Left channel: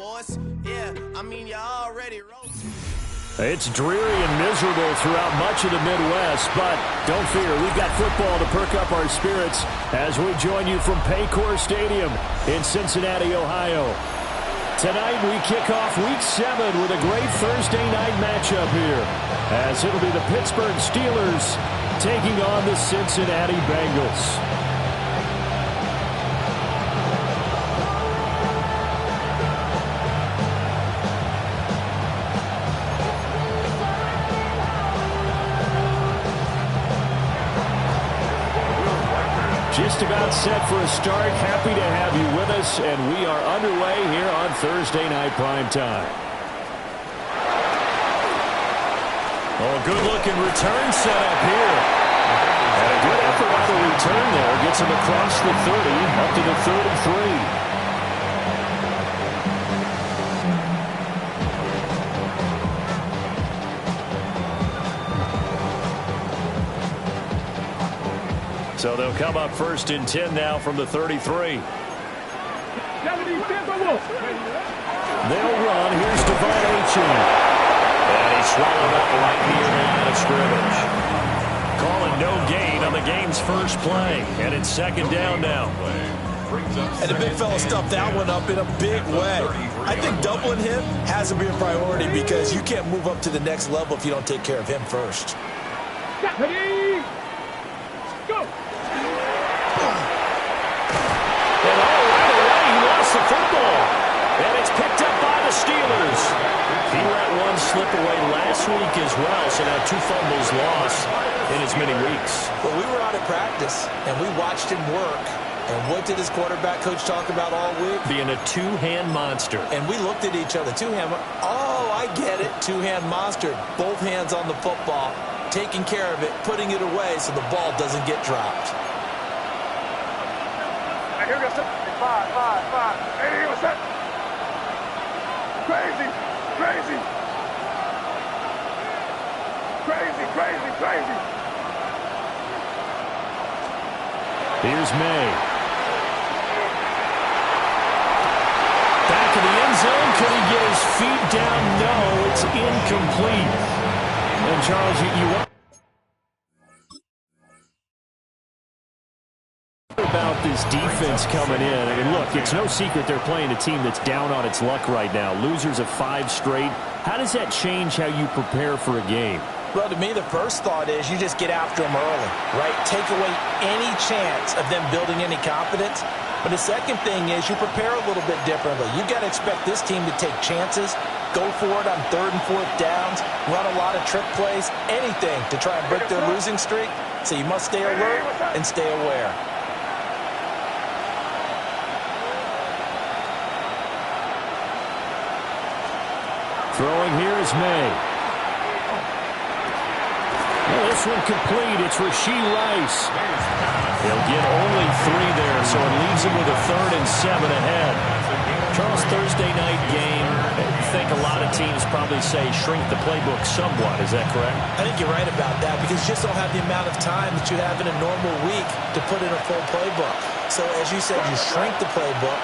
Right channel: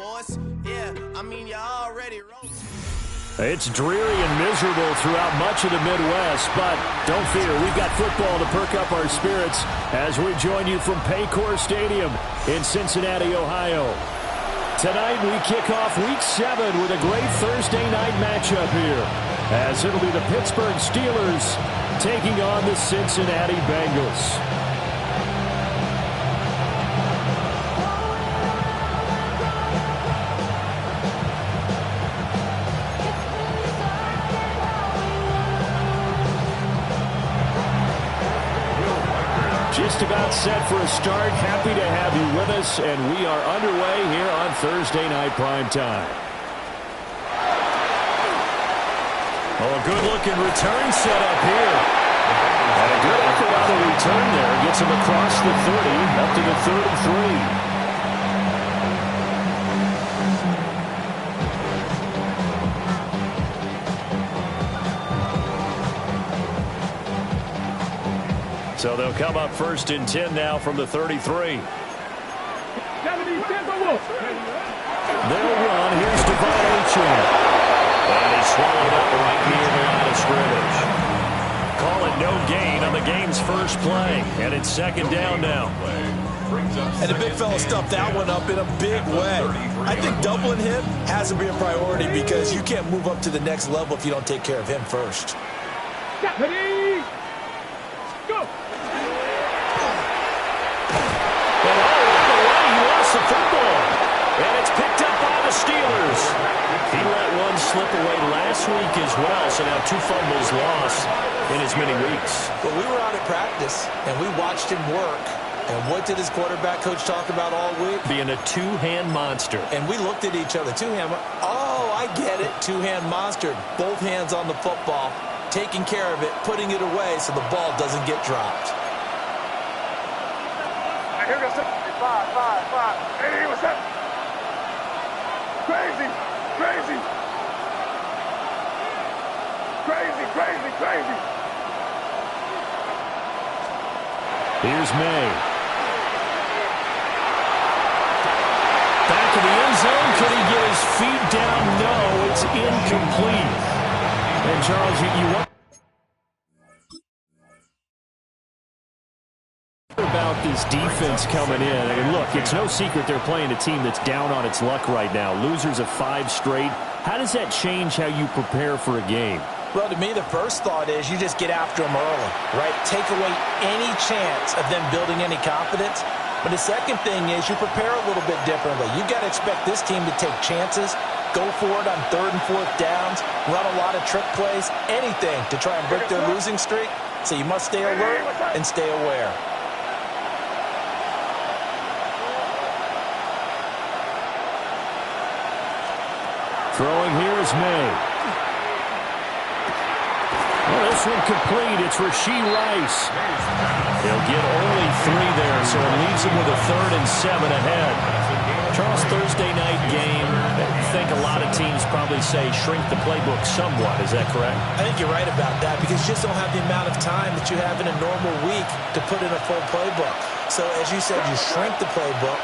force. Yeah, I mean, you already wrote. It's dreary and miserable throughout much of the Midwest, but don't fear, we've got football to perk up our spirits as we join you from Paycor Stadium in Cincinnati, Ohio. Tonight we kick off Week 7 with a great Thursday night matchup here, as it'll be the Pittsburgh Steelers taking on the Cincinnati Bengals. Just about set for a start. Happy to have you with us, and we are underway here on Thursday Night Primetime. Oh, a good-looking return set up here. And a good effort on the return there. Gets him across the 30, up to the 33. So they'll come up first and 10 now from the 33. They'll run. Here's Devon Achane. And he's swallowed up right near the line of scrimmage. Call it no gain on the game's first play. And it's second down now. And the big fella stuffed that one up in a big way. I think doubling him has to be a priority because you can't move up to the next level if you don't take care of him first. Ready, go! And right away, he lost the football. And it's picked up by the Steelers. He let one slip away last week as well, so now 2 fumbles lost in as many weeks. Well, we were out at practice, and we watched him work. And what did his quarterback coach talk about all week? Being a two-hand monster. And we looked at each other. Two-hand. Oh, I get it. Two-hand monster. Both hands on the football, taking care of it, putting it away so the ball doesn't get dropped. Here we go. 5. Hey, what's that? Crazy. Here's May. Back in the end zone. Could he get his feet down? No, it's incomplete. And Charles, you want about this defense coming in. I mean, look, it's no secret they're playing a team that's down on its luck right now. Losers of 5 straight. How does that change how you prepare for a game? Well, to me, the first thought is you just get after them early, right? Take away any chance of them building any confidence. But the second thing is you prepare a little bit differently. You've got to expect this team to take chances, go for it on 3rd and 4th downs, run a lot of trick plays, anything to try and break their losing streak. So you must stay alert and stay aware. Throwing here is May. Well, this one complete. It's Rashee Rice. He'll get only 3 there, so it leaves him with a 3rd and 7 ahead. Charles, Thursday night game, I think a lot of teams probably say shrink the playbook somewhat. Is that correct? I think you're right about that because you just don't have the amount of time that you have in a normal week to put in a full playbook. So, as you said, you shrink the playbook.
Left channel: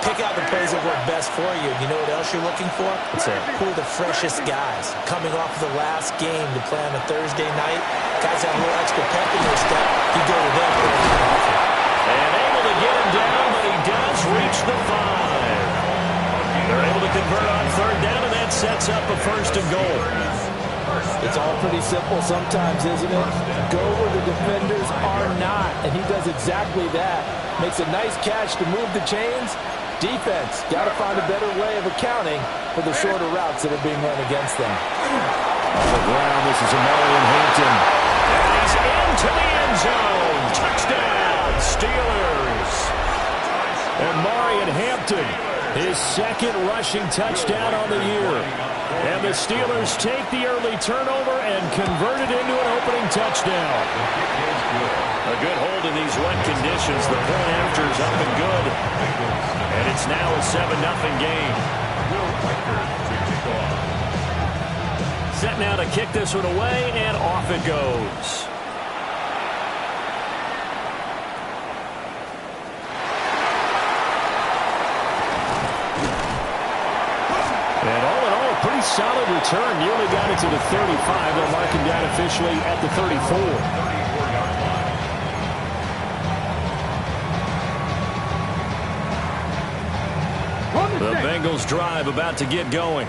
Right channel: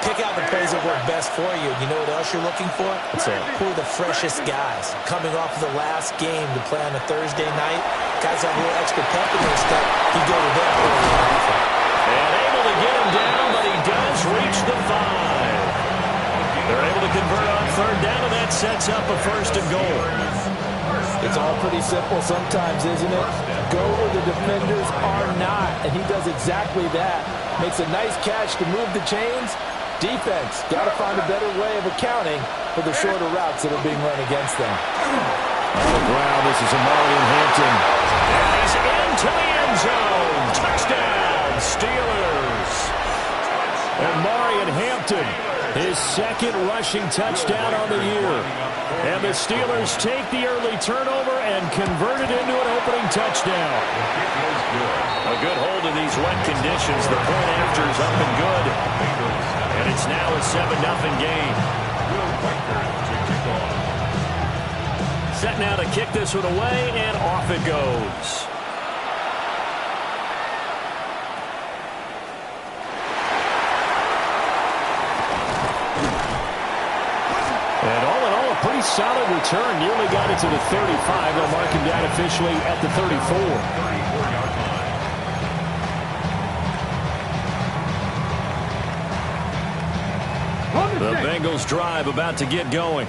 Pick out the plays that work best for you. You know what else you're looking for? What's that? Who are the freshest guys? Coming off of the last game to play on a Thursday night, guys have a little extra pep in their step. You go to them early and often. And able to get him down, but he does reach the 5. They're able to convert on 3rd down, and that sets up a 1st and goal. It's all pretty simple sometimes, isn't it? Go where the defenders are not, and he does exactly that. Makes a nice catch to move the chains. Defense, got to find a better way of accounting for the shorter routes that are being run against them. On the ground, this is Amarian Hampton. And he's into the end zone. Touchdown, Steelers. Amarian Hampton, his 2nd rushing touchdown on the year. And the Steelers take the early turnover and convert it into an opening touchdown. A good hold in these wet conditions. The point after is up and good. And it's now a 7-0 game. Set now to kick this one away, and off it goes. pretty solid return. Nearly got it to the 35. They'll mark him down officially at the 34. 34-yard line. The Bengals drive about to get going.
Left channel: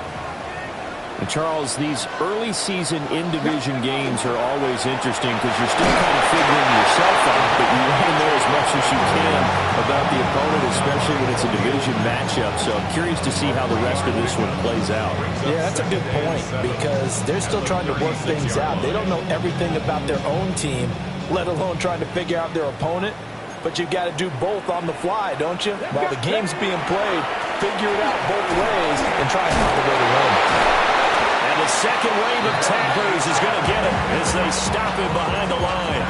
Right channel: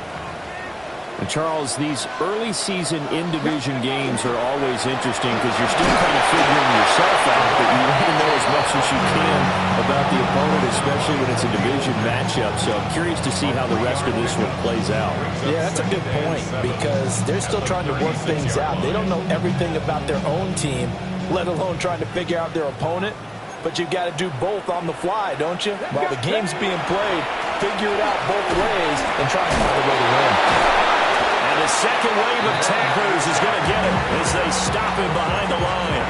And Charles, these early season in-division games are always interesting because you're still kind of figuring yourself out, but you want to know as much as you can about the opponent, especially when it's a division matchup. So I'm curious to see how the rest of this one plays out. Yeah, that's a good point because they're still trying to work things out. They don't know everything about their own team, let alone trying to figure out their opponent. But you've got to do both on the fly, don't you? While the game's being played, figure it out both ways and try and find a way to win. And the second wave of tacklers is going to get him as they stop him behind the line.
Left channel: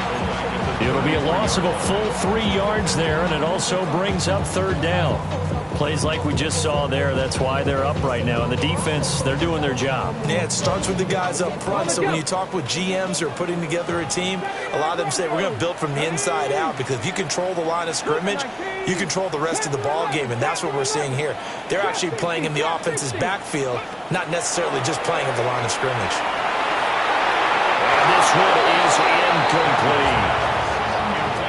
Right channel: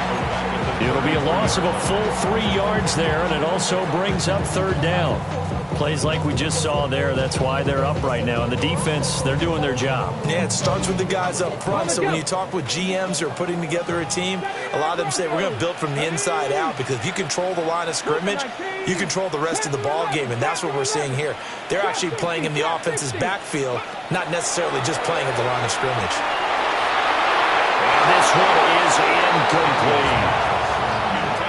It'll be a loss of a full 3 yards there, and it also brings up third down. Plays like we just saw there, that's why they're up right now. And the defense, they're doing their job. Yeah, it starts with the guys up front. So when you talk with GMs who are putting together a team, a lot of them say we're going to build from the inside out because if you control the line of scrimmage, you control the rest of the ball game, and that's what we're seeing here. They're actually playing in the offense's backfield, not necessarily just playing at the line of scrimmage. And this one is incomplete.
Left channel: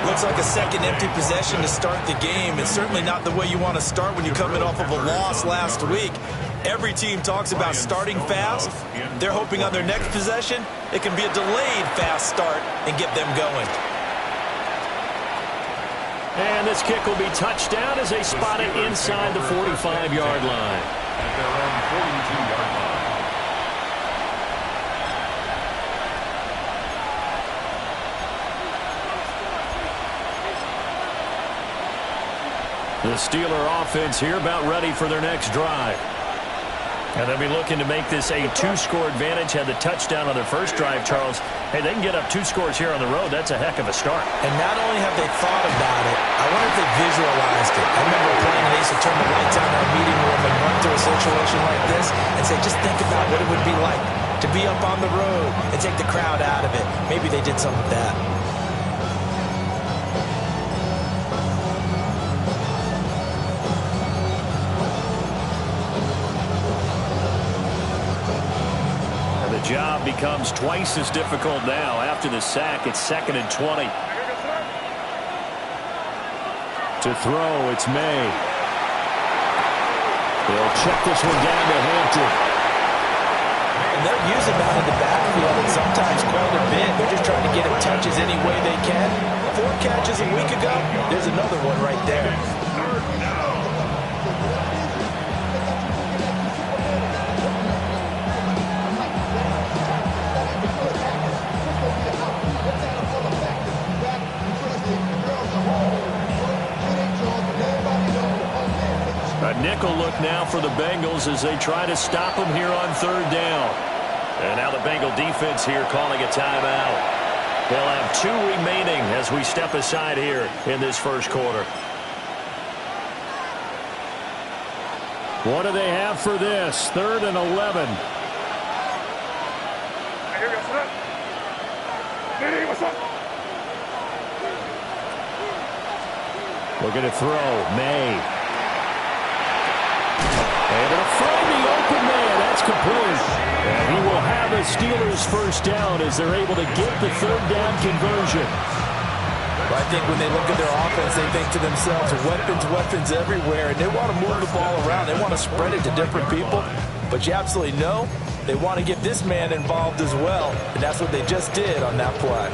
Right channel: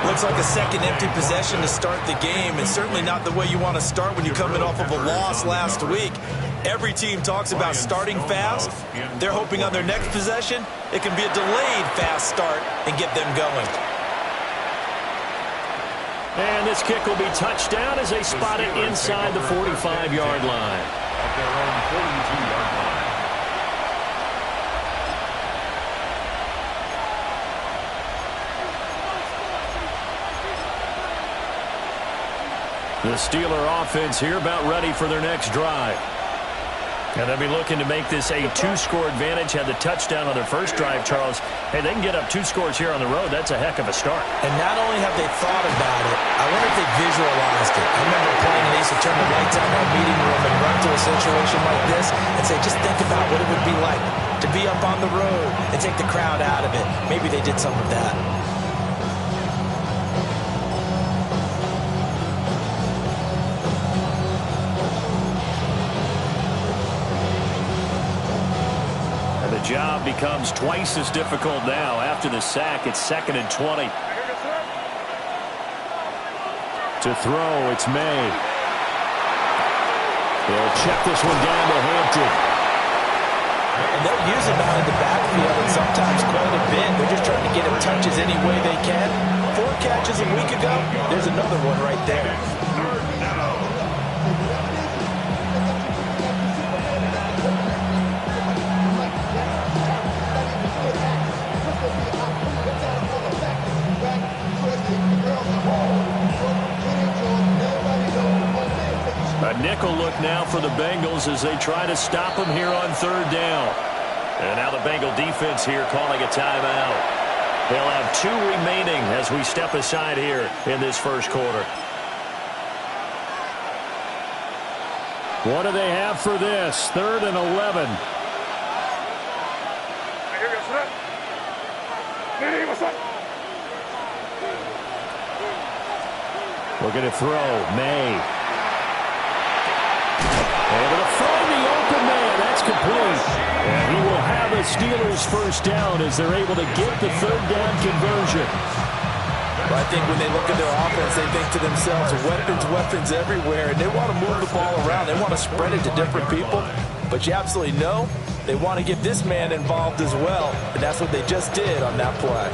Looks like a second empty possession to start the game. It's certainly not the way you want to start when you're coming off of a loss last week. Every team talks about starting fast. They're hoping on their next possession, it can be a delayed fast start and get them going. And this kick will be touchdown as they spot it inside the 45-yard line. At their own 42-yard line. The Steeler offense here about ready for their next drive. And they'll be looking to make this a 2-score advantage. Had the touchdown on their first drive, Charles. Hey, they can get up 2 scores here on the road. That's a heck of a start. And not only have they thought about it, I wonder if they visualized it. I remember playing and they used to turn the lights on in our meeting room and run to a situation like this and say, just think about what it would be like to be up on the road and take the crowd out of it. Maybe they did some of that. The job becomes twice as difficult now. After the sack, it's 2nd and 20. To throw, it's May. They'll check this one down to Hampton. And they'll use him out in the backfield and sometimes quite a bit. They're just trying to get him touches any way they can. 4 catches a week ago. There's another one right there. A nickel look now for the Bengals as they try to stop them here on 3rd down. And now the Bengal defense here calling a timeout. They'll have 2 remaining as we step aside here in this first quarter. What do they have for this? 3rd and 11. Looking to throw. May. Able to find the open man. That's complete. And he will have a Steelers first down as they're able to get the 3rd down conversion. Well, I think when they look at their offense, they think to themselves, weapons everywhere, and they want to move the ball around. They want to spread it to different people. But you absolutely know they want to get this man involved as well, and that's what they just did on that play.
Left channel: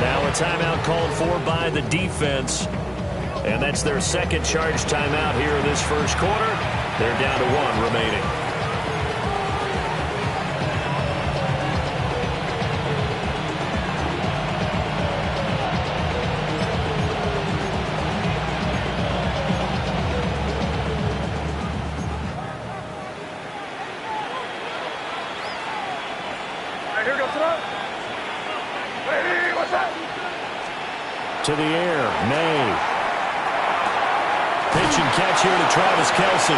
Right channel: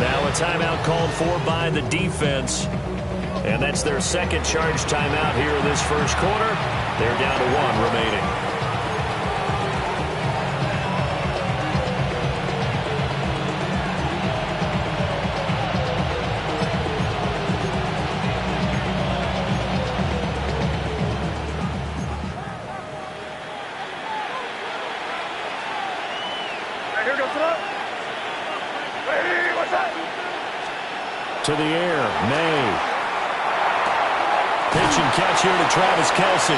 Now a timeout called for by the defense. And that's their second charge timeout here in this first quarter. They're down to 1 remaining. To the air, May. Pitch and catch here to Travis Kelce.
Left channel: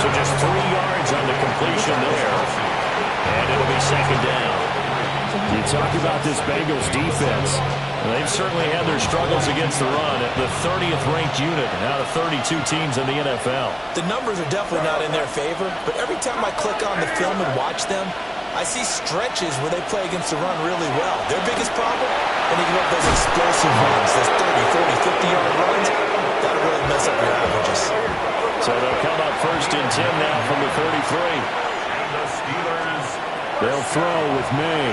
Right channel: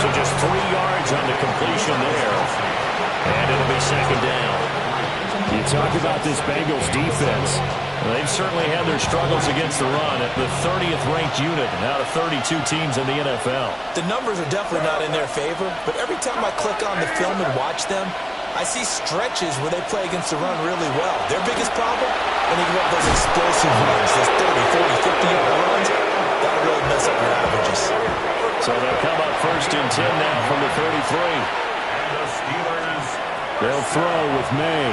So just 3 yards on the completion there. And it'll be second down. You talk about this Bengals defense. They've certainly had their struggles against the run at the 30th ranked unit out of 32 teams in the NFL. The numbers are definitely not in their favor, but every time I click on the film and watch them, I see stretches where they play against the run really well. Their biggest problem, when they give up those explosive runs, those 30, 40, 50-yard runs, that'll really mess up your averages. So they'll come up first and 10 now from the 33. And the Steelers. They'll throw with May.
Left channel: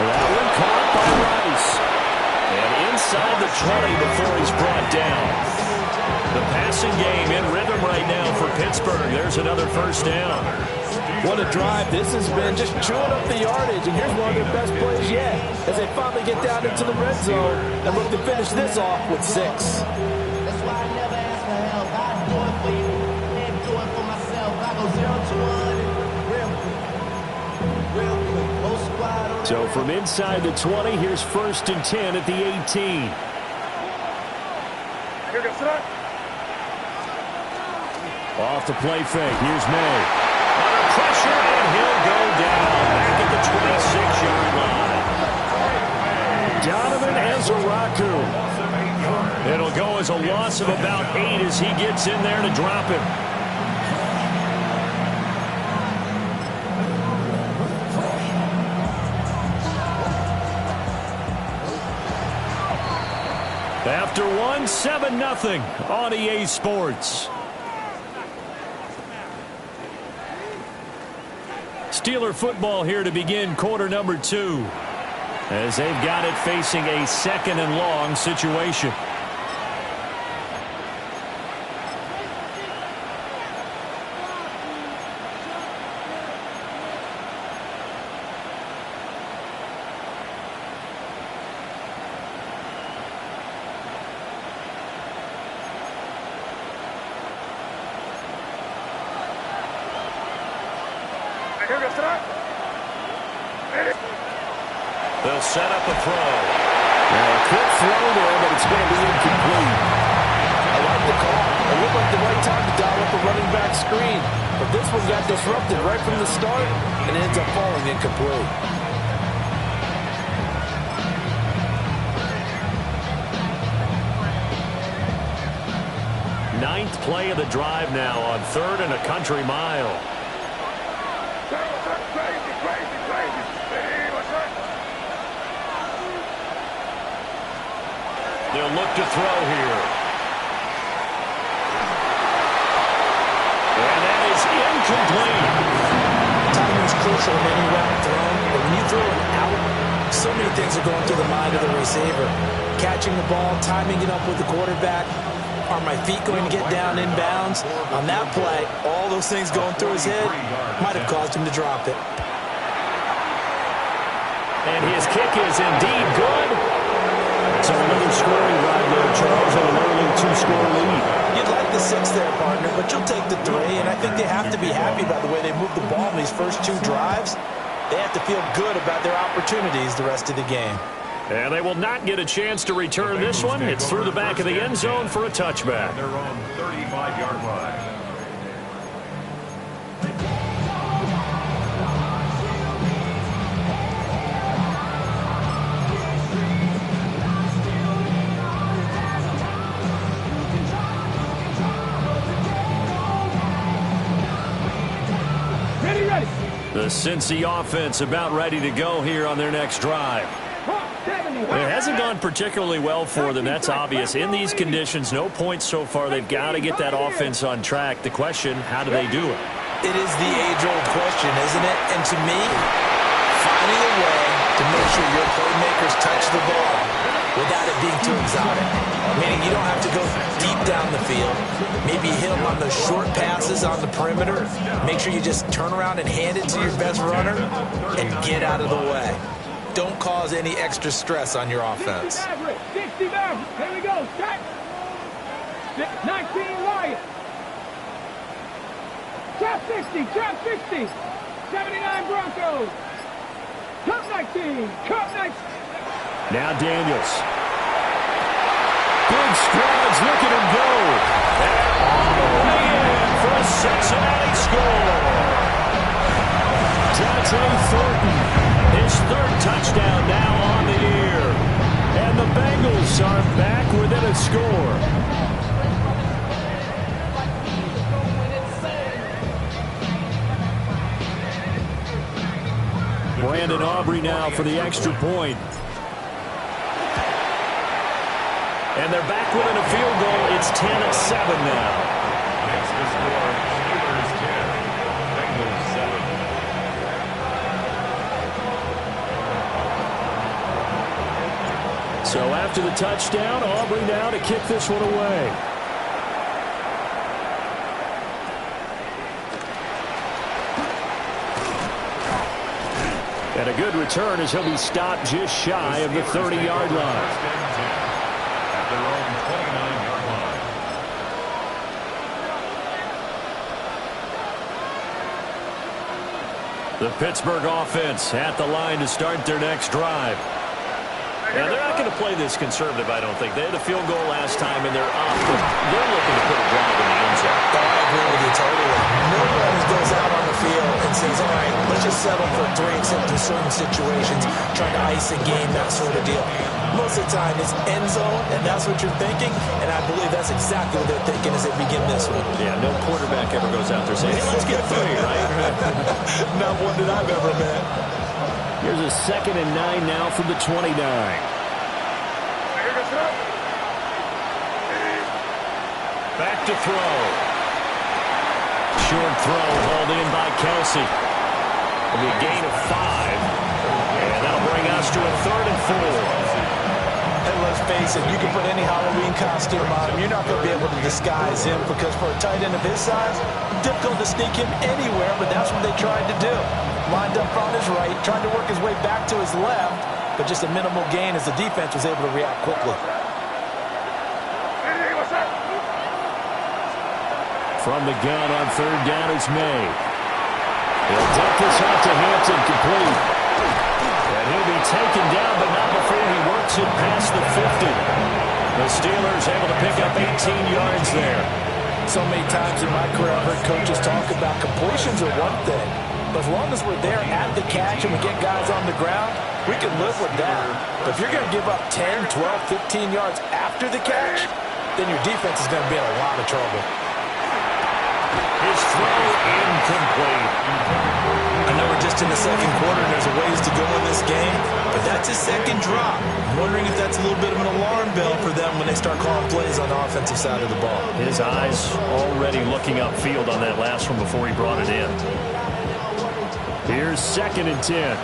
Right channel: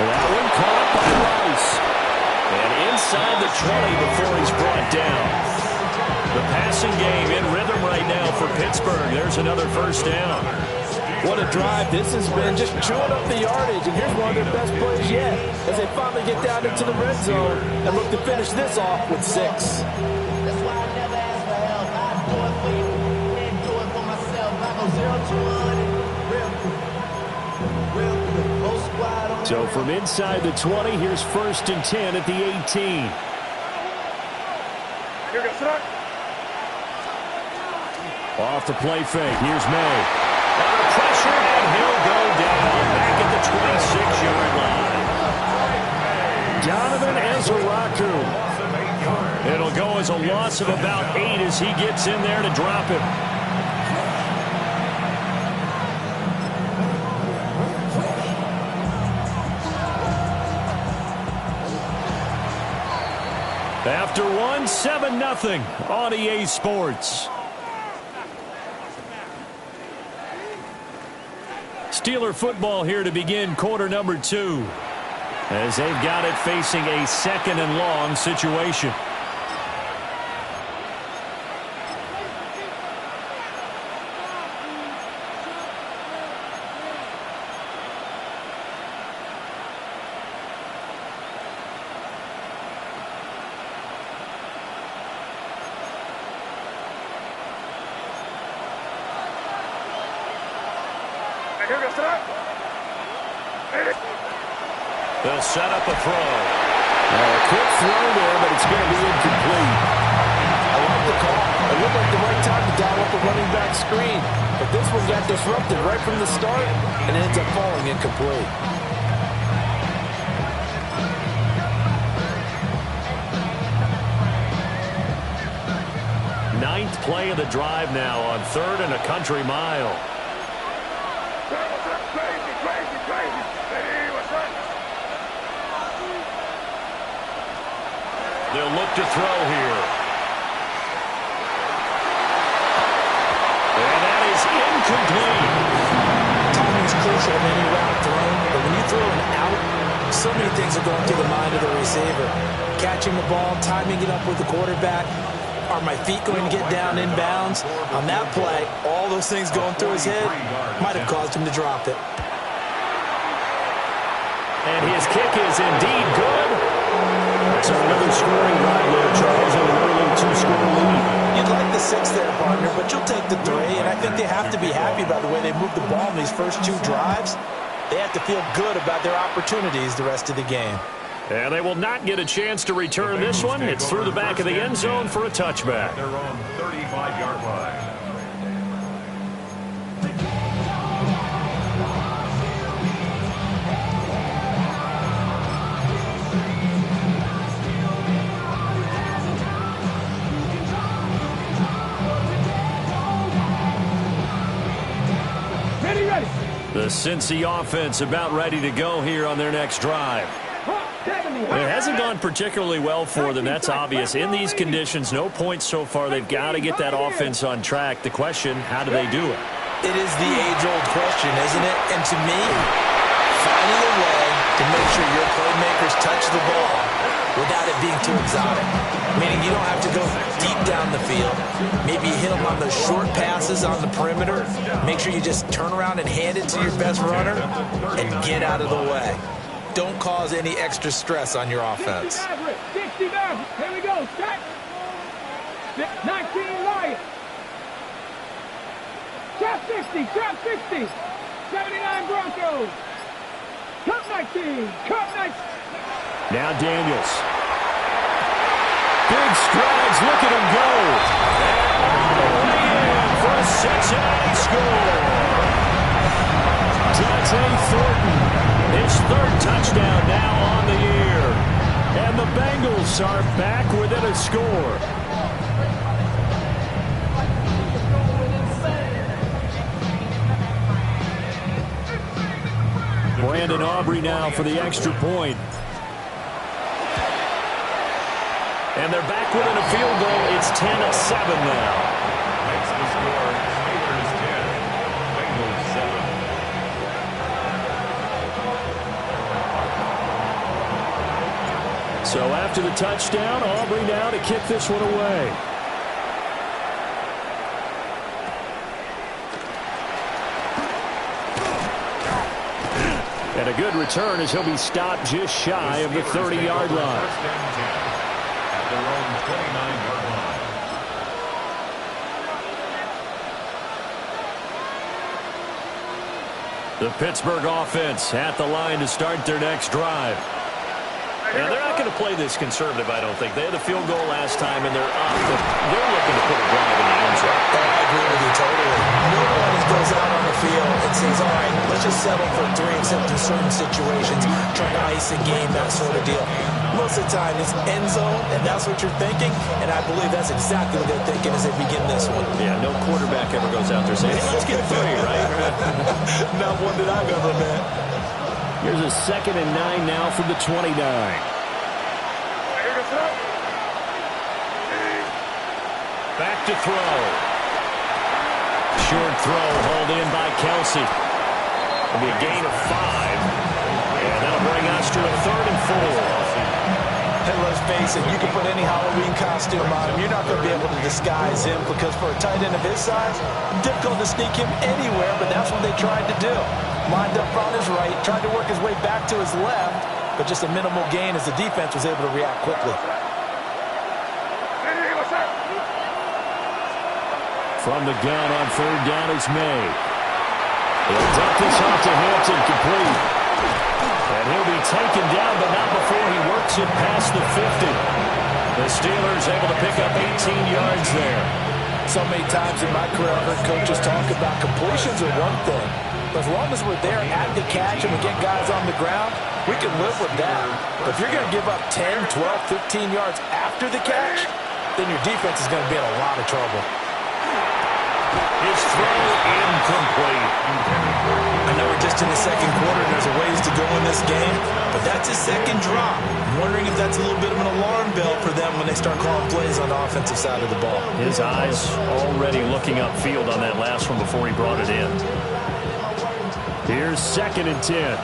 That one caught by Rice. And inside the 20 before he's brought down. The passing game in rhythm right now for Pittsburgh. There's another first down. What a drive this has been, just chewing up the yardage. And here's one of their best plays yet as they finally get down into the red zone and look to finish this off with 6. That's why I never ask for help. I do it for you and do it for myself. I go 0 to 100 real quick. Real quick. Whole squad on So from inside the 20, here's first and 10 at the 18. Here goes tonight. Off the play fake. Here's May. Under pressure, and he'll go down back at the 26-yard line. Donovan Ezraku. It'll go as a loss of about 8 as he gets in there to drop him. After one, 7-0 on EA Sports. Steeler football here to begin quarter number 2. As they've got it facing a second and long situation. Here goes tonight. They'll set up a throw. Now a quick throw there, but it's going to be incomplete. I like the call. It looked like the right time to dial up a running back screen. But this one got disrupted right from the start and ends up falling incomplete. Ninth play of the drive now on 3rd and a country mile. Crazy, crazy, crazy. Hey, what's up? They'll look to throw here. And that is incomplete. Timing is crucial in any route thrown, but when you throw an out, so many things are going through the mind of the receiver. Catching the ball, timing it up with the quarterback. Are my feet going to get down in bounds? On that play, all those things going through his head might have caused him to drop it. And his kick is indeed good. So another scoring drive there, Charles, and an early 2-score lead. You'd like the 6 there, partner, but you'll take the 3, and I think they have to be happy about the way they moved the ball in these first 2 drives. They have to feel good about their opportunities the rest of the game. And they will not get a chance to return this one. It's through the back of the end zone for a touchback. They're on 35-yard line. Ready. The Cincy offense about ready to go here on their next drive. It hasn't gone particularly well for them. That's obvious. In these conditions, no points so far. They've got to get that offense on track. The question, how do they do it? It is the age-old question, isn't it? And to me, finding a way to make sure your playmakers touch the ball without it being too exotic. Meaning you don't have to go deep down the field. Maybe hit them on those short passes on the perimeter. Make sure you just turn around and hand it to your best runner and get out of the way. Don't cause any extra stress on your offense. 60 down. Here we go. Check. 19 Lions. Trap 60. Trap 60. 79 Broncos. Cup 19. Cup 19. Now Daniels. Big strides. Look at him go. And all the way in for a Cincinnati score. Dante Thornton, his third touchdown now on the year. And the Bengals are back within a score. Brandon Aubrey now for the extra point. And they're back within a field goal. It's 10-7 now. Makes the score Steelers 10, Bengals 7. So after the touchdown, Aubrey now to kick this one away. And a good return as he'll be stopped just shy of the 30-yard line. First and 10 at their own 29-yard line. The Pittsburgh offense at the line to start their next drive. And they're not going to play this conservative, I don't think. They had a field goal last time, and they're up, but they're looking to put a drive in the end zone. Oh, I agree with you totally. No one goes out on the field and says, all right, let's just settle for 3, except in certain situations, trying to ice a game, that sort of deal. Most of the time, it's end zone, and that's what you're thinking, and I believe that's exactly what they're thinking as they begin this one. Yeah, no quarterback ever goes out there saying, hey, let's get 3, right? Not one that I've ever met. Here's a 2nd and 9 now from the 29. Back to throw. Short throw hauled in by Kelsey. It'll be a gain of 5. And that'll bring us to a 3rd and 4. And let's face it, you can put any Halloween costume on him. You're not going to be able to disguise him because for a tight end of his size, difficult to sneak him anywhere, but that's what they tried to do. Lined up on his right, tried to work his way back to his left, but just a minimal gain as the defense was able to react quickly. From the gun on 3rd down is May. He'll dump this off to Hampton, complete. And he'll be taken down, but not before he works it past the 50. The Steelers able to pick up 18 yards there. So many times in my career I've heard coaches talk about completions are one thing, but as long as we're there at the catch and we get guys on the ground, we can live with that. But if you're going to give up 10, 12, 15 yards after the catch, then your defense is going to be in a lot of trouble. His throw incomplete. I know we're just in the second quarter and there's a ways to go in this game, but that's his second drop. I'm wondering if that's a little bit of an alarm bell for them when they start calling plays on the offensive side of the ball. His eyes already looking upfield on that last one before he brought it in. Here's 2nd and 10.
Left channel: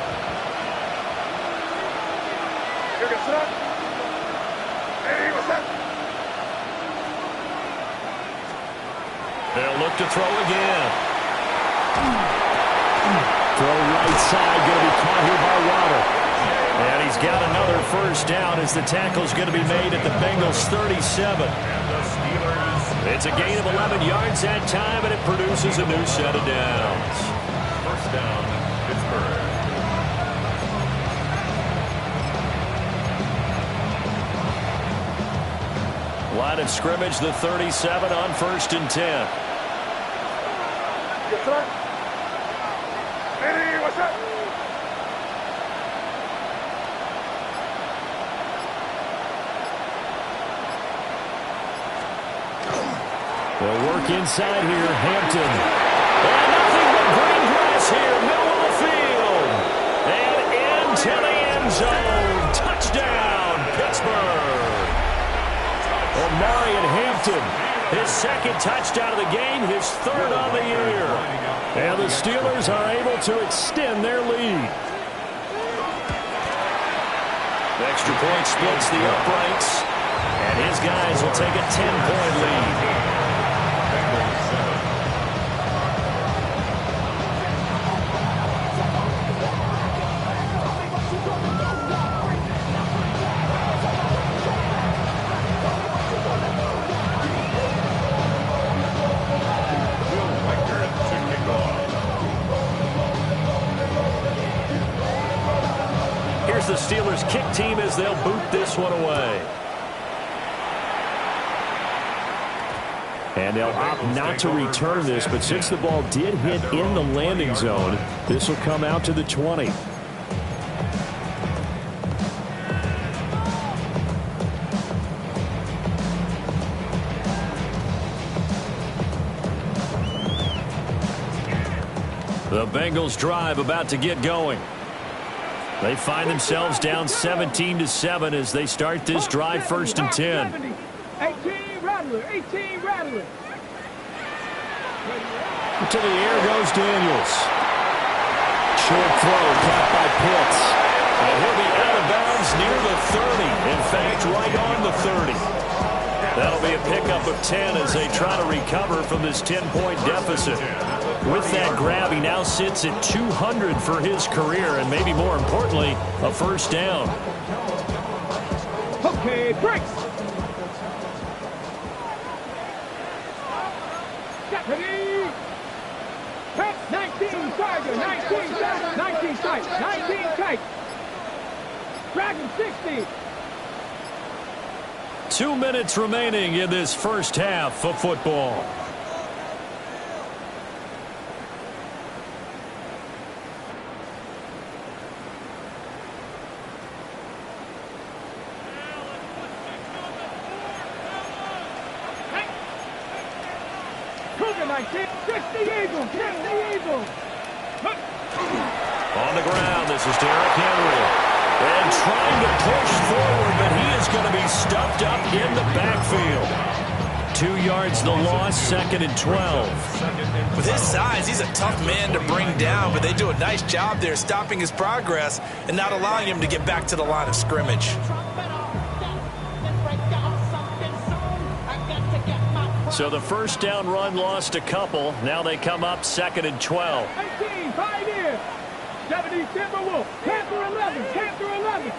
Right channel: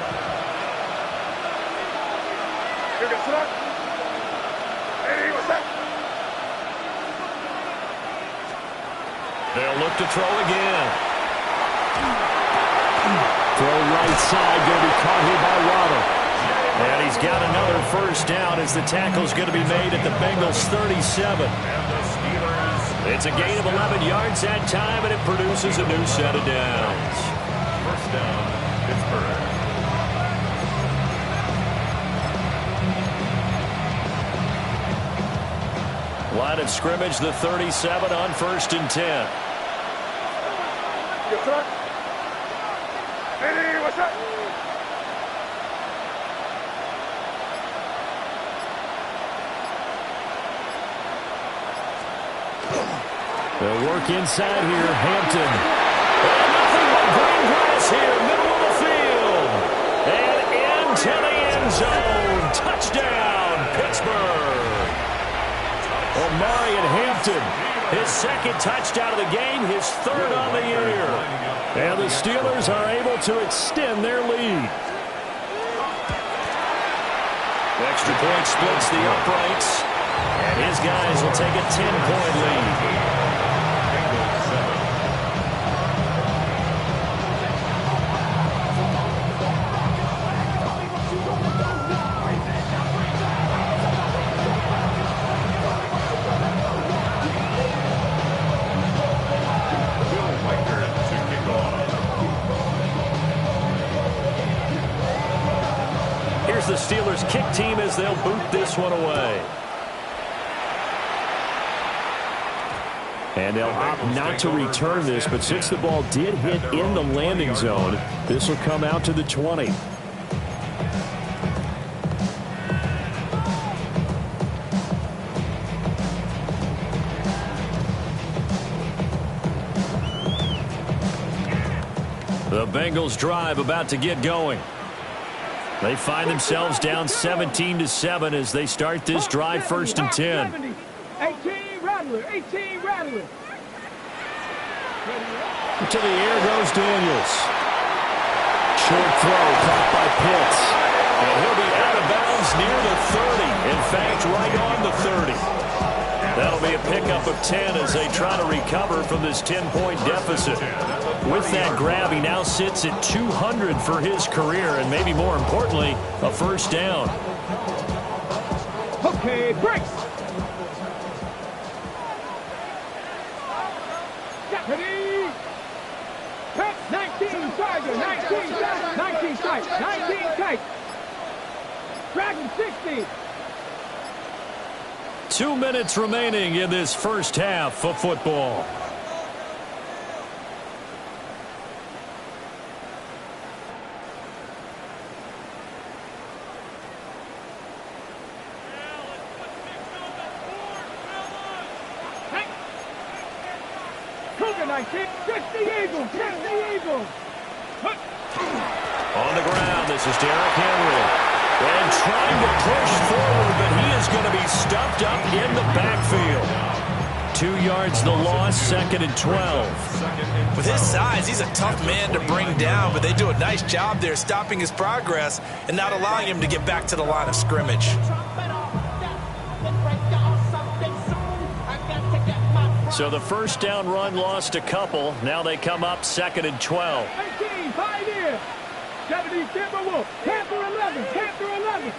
They'll look to throw again. Throw right side, going to be caught here by Waddle. And he's got another first down as the tackle's going to be made at the Bengals 37. And the Steelers. It's a gain of 11 yards that time, and it produces a new set of downs. First down, Pittsburgh. Line of scrimmage, the 37 on 1st and 10. They'll work inside here, Hampton. And nothing but green grass here, middle of the field. And into the end zone. Touchdown, Pittsburgh. Omarion Hampton, his 2nd touchdown of the game, his 3rd on the year. And the Steelers are able to extend their lead. The extra point splits the uprights, and his guys will take a 10-point lead. Bengals 7. comes the Steelers kick team as they'll boot this one away. And they'll opt not to return this, but since the ball did hit in the landing zone, this will come out to the 20. The Bengals drive about to get going. They find themselves down 17-7 as they start this drive, 1st and 10. 18 Rattler, 18 Rattler. To the air goes Daniels. Short throw caught by Pitts. And he'll be out of bounds near the 30. In fact, right on the 30. That'll be a pickup of 10 as they try to recover from this 10-point deficit. With that grab, he now sits at 200 for his career, and maybe more importantly, a 1st down. Okay, breaks. Ready. 19 Tiger, 19 tight, 19 tight, 19 tight. Dragon 60. 2 minutes remaining in this first half of football. Cougar 19, 60 Eagles, 60 Eagles. On the ground, this is Derrick Henry. And trying to push forward, but he is going to be stuffed up in the backfield. 2 yards the loss, 2nd and 12. With his size, he's a tough man to bring down, but they do a nice job there stopping his progress and not allowing him to get back to the line of scrimmage. So the 1st down run lost a couple. Now they come up 2nd and 12. 18 Pioneer. 70 Timberwolf. Panther 11. Panther 11.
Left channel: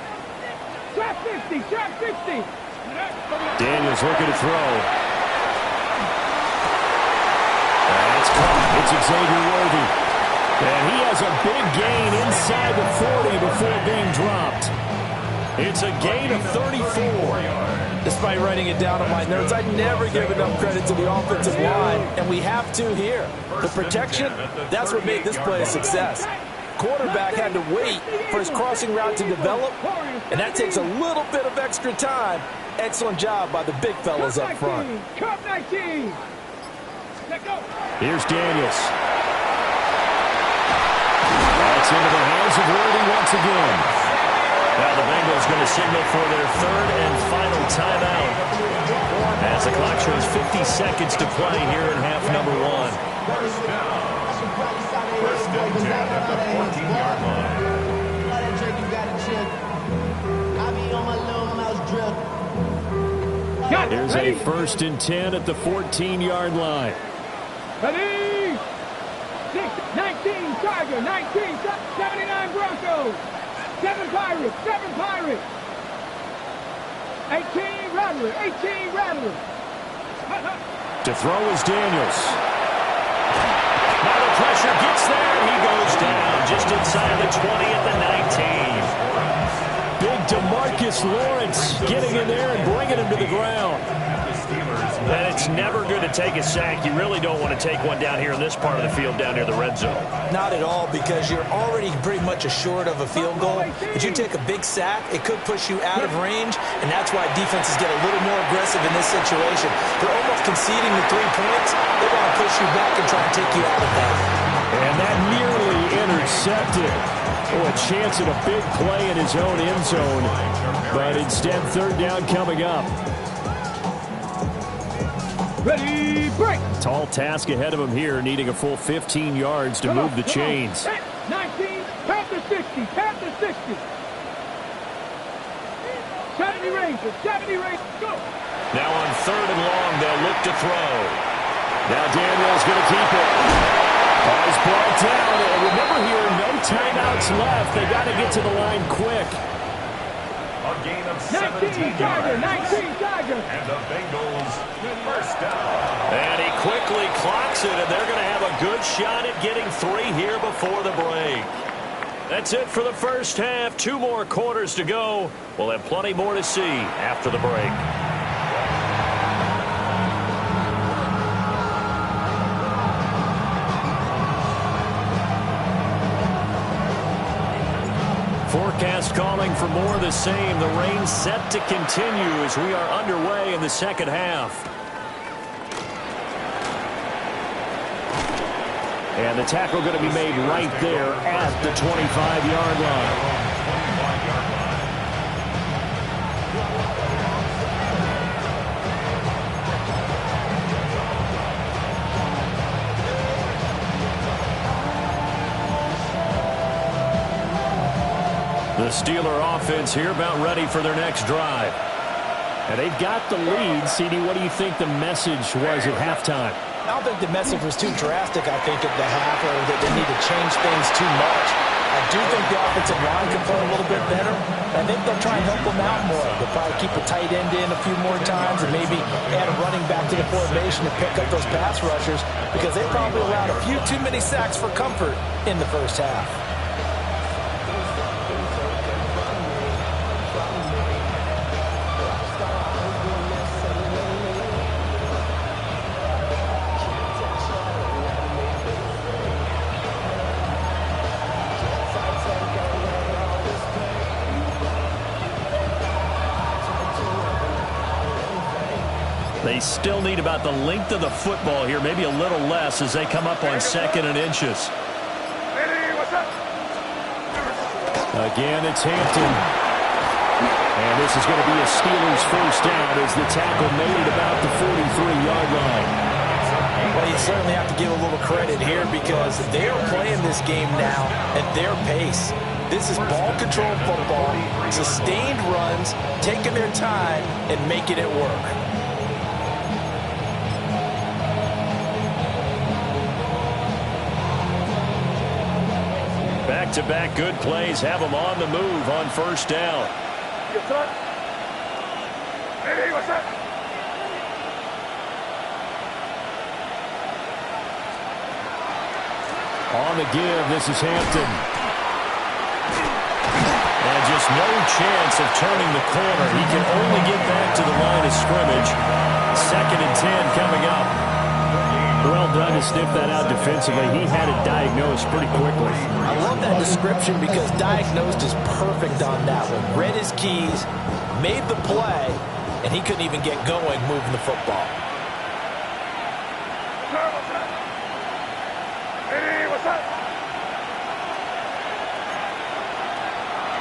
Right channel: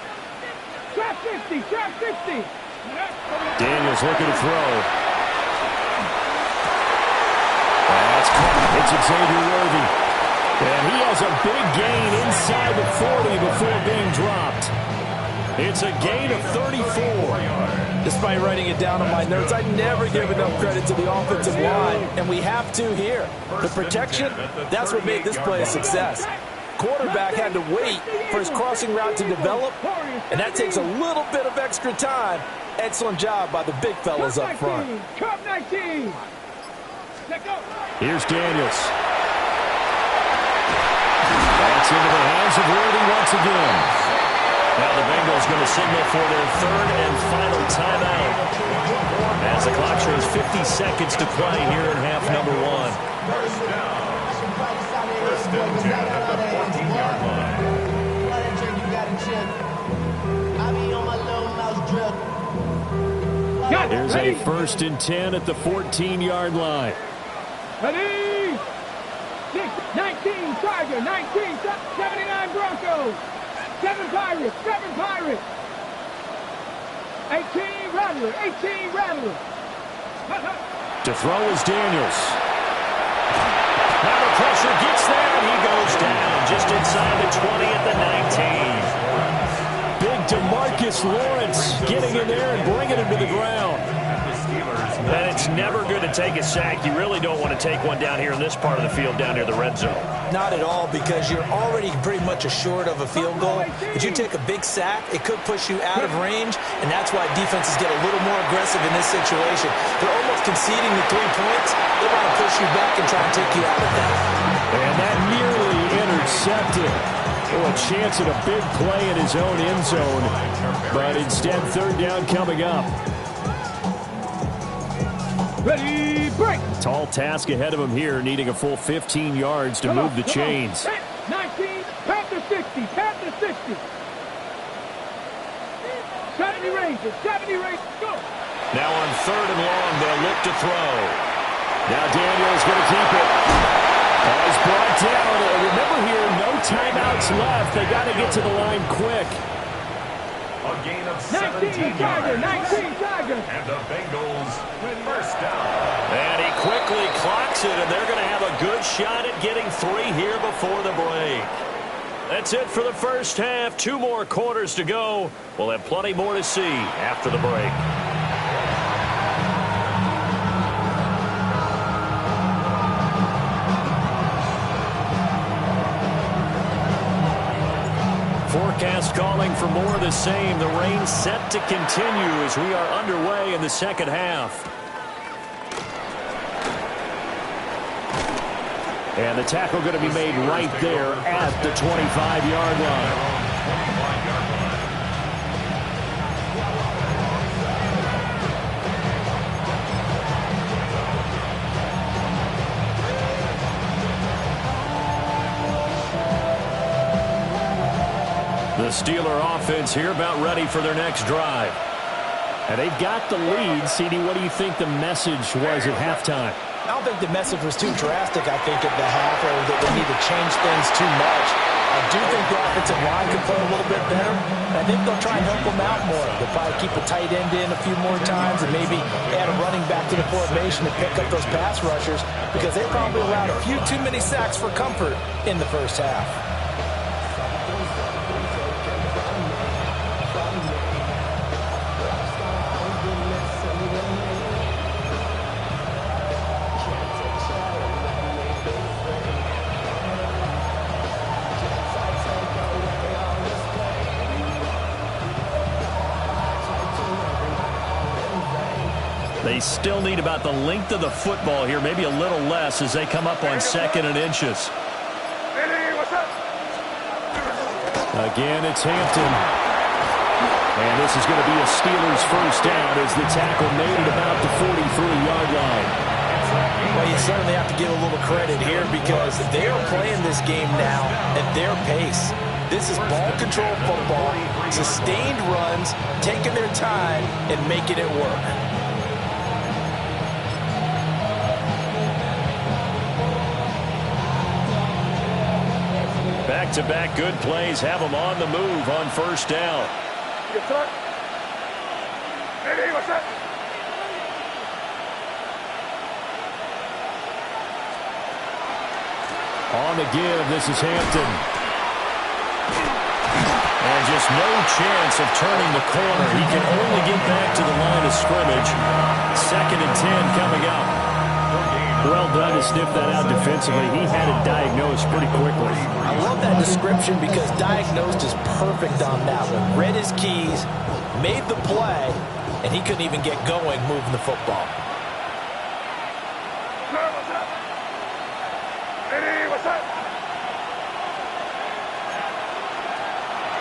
Trap 60. Trap 60. Daniels looking to throw. That's caught. It's Xavier Worthy. And he has a big gain inside the 40 before being dropped. It's a gain of 34. Despite writing it down on my notes, I never give enough credit to the offensive line, and we have to here. The protection, that's what made this play a success. Quarterback had to wait for his crossing route to develop, and that takes a little bit of extra time. Excellent job by the big fellas up front. Cup 19. Let go. Here's Daniels. That's into the hands of Worthy once again. Now the Bengals going to signal for their 3rd and final timeout as the clock shows 50 seconds to play here in half number 1. First and 10 at the 14-yard line. Here's a 1st and 10 at the 14-yard line. Ready. 19 Tiger. 19 79 Broncos. 7 Pirates, 7 Pirates. 18 Rattler, 18 Rattler. To throw is Daniels. Now the pressure gets there, and he goes down just inside the 20 at the 19. Big DeMarcus Lawrence getting in there and bringing him to the ground. And it's never going to take a sack. You really don't want to take one down here in this part of the field down near the red zone. Not at all, because you're already pretty much assured of a field goal. If you take a big sack, it could push you out of range, and that's why defenses get a little more aggressive in this situation. They're almost conceding the 3 points. They want to push you back and try and take you out of that. And that nearly intercepted. Oh, a chance at a big play in his own end zone, but instead 3rd down coming up. Ready, break. Tall task ahead of him here, needing a full 15 yards to move the chains. 19, Panther 60, Panther 60. 70 Rangers, 70 Rangers, go. Now on 3rd and long, they'll look to throw. Now Daniels going to keep it. Oh, he's brought down. And remember here, no timeouts left. They got to get to the line quick. A gain of 17 Tiger, yards. 19 Tiger. And the Bengals 1st down. And he quickly clocks it, and they're going to have a good shot at getting 3 here before the break. That's it for the first half. 2 more quarters to go. We'll have plenty more to see after the break. Forecast calling for more of the same. The rain set to continue as we are underway in the second half. And the tackle going to be made right there at the 25-yard line. 25-yard line. The Steeler offense here about ready for their next drive. And they've got the lead. CD, what do you think the message was at halftime? I don't think the message was too drastic, I think, at the half, or that they need to change things too much. I do think the offensive line could play a little bit better. I think they'll try and help them out more. They'll probably keep a tight end in a few more times and maybe add a running back to the formation to pick up those pass rushers because they probably allowed a few too many sacks for comfort in the first half. They still need about the length of the football here, maybe a little less as they come up on 2nd and inches. Again, it's Hampton. And this is going to be a Steelers first down as the tackle made it about the 43-yard line. Well, you certainly have to give a little credit here because they are playing this game now at their pace. This is ball control football, sustained runs, taking their time and making it work. Back-to-back good plays have them on the move on first down. On the give, this is Hampton. And just no chance of turning the corner. He can only get back to the line of scrimmage. 2nd and 10 coming up. Well done to sniff that out defensively. He had it diagnosed pretty quickly. I love that description because diagnosed is perfect on that one. Read his keys, made the play, and he couldn't even get going moving the football.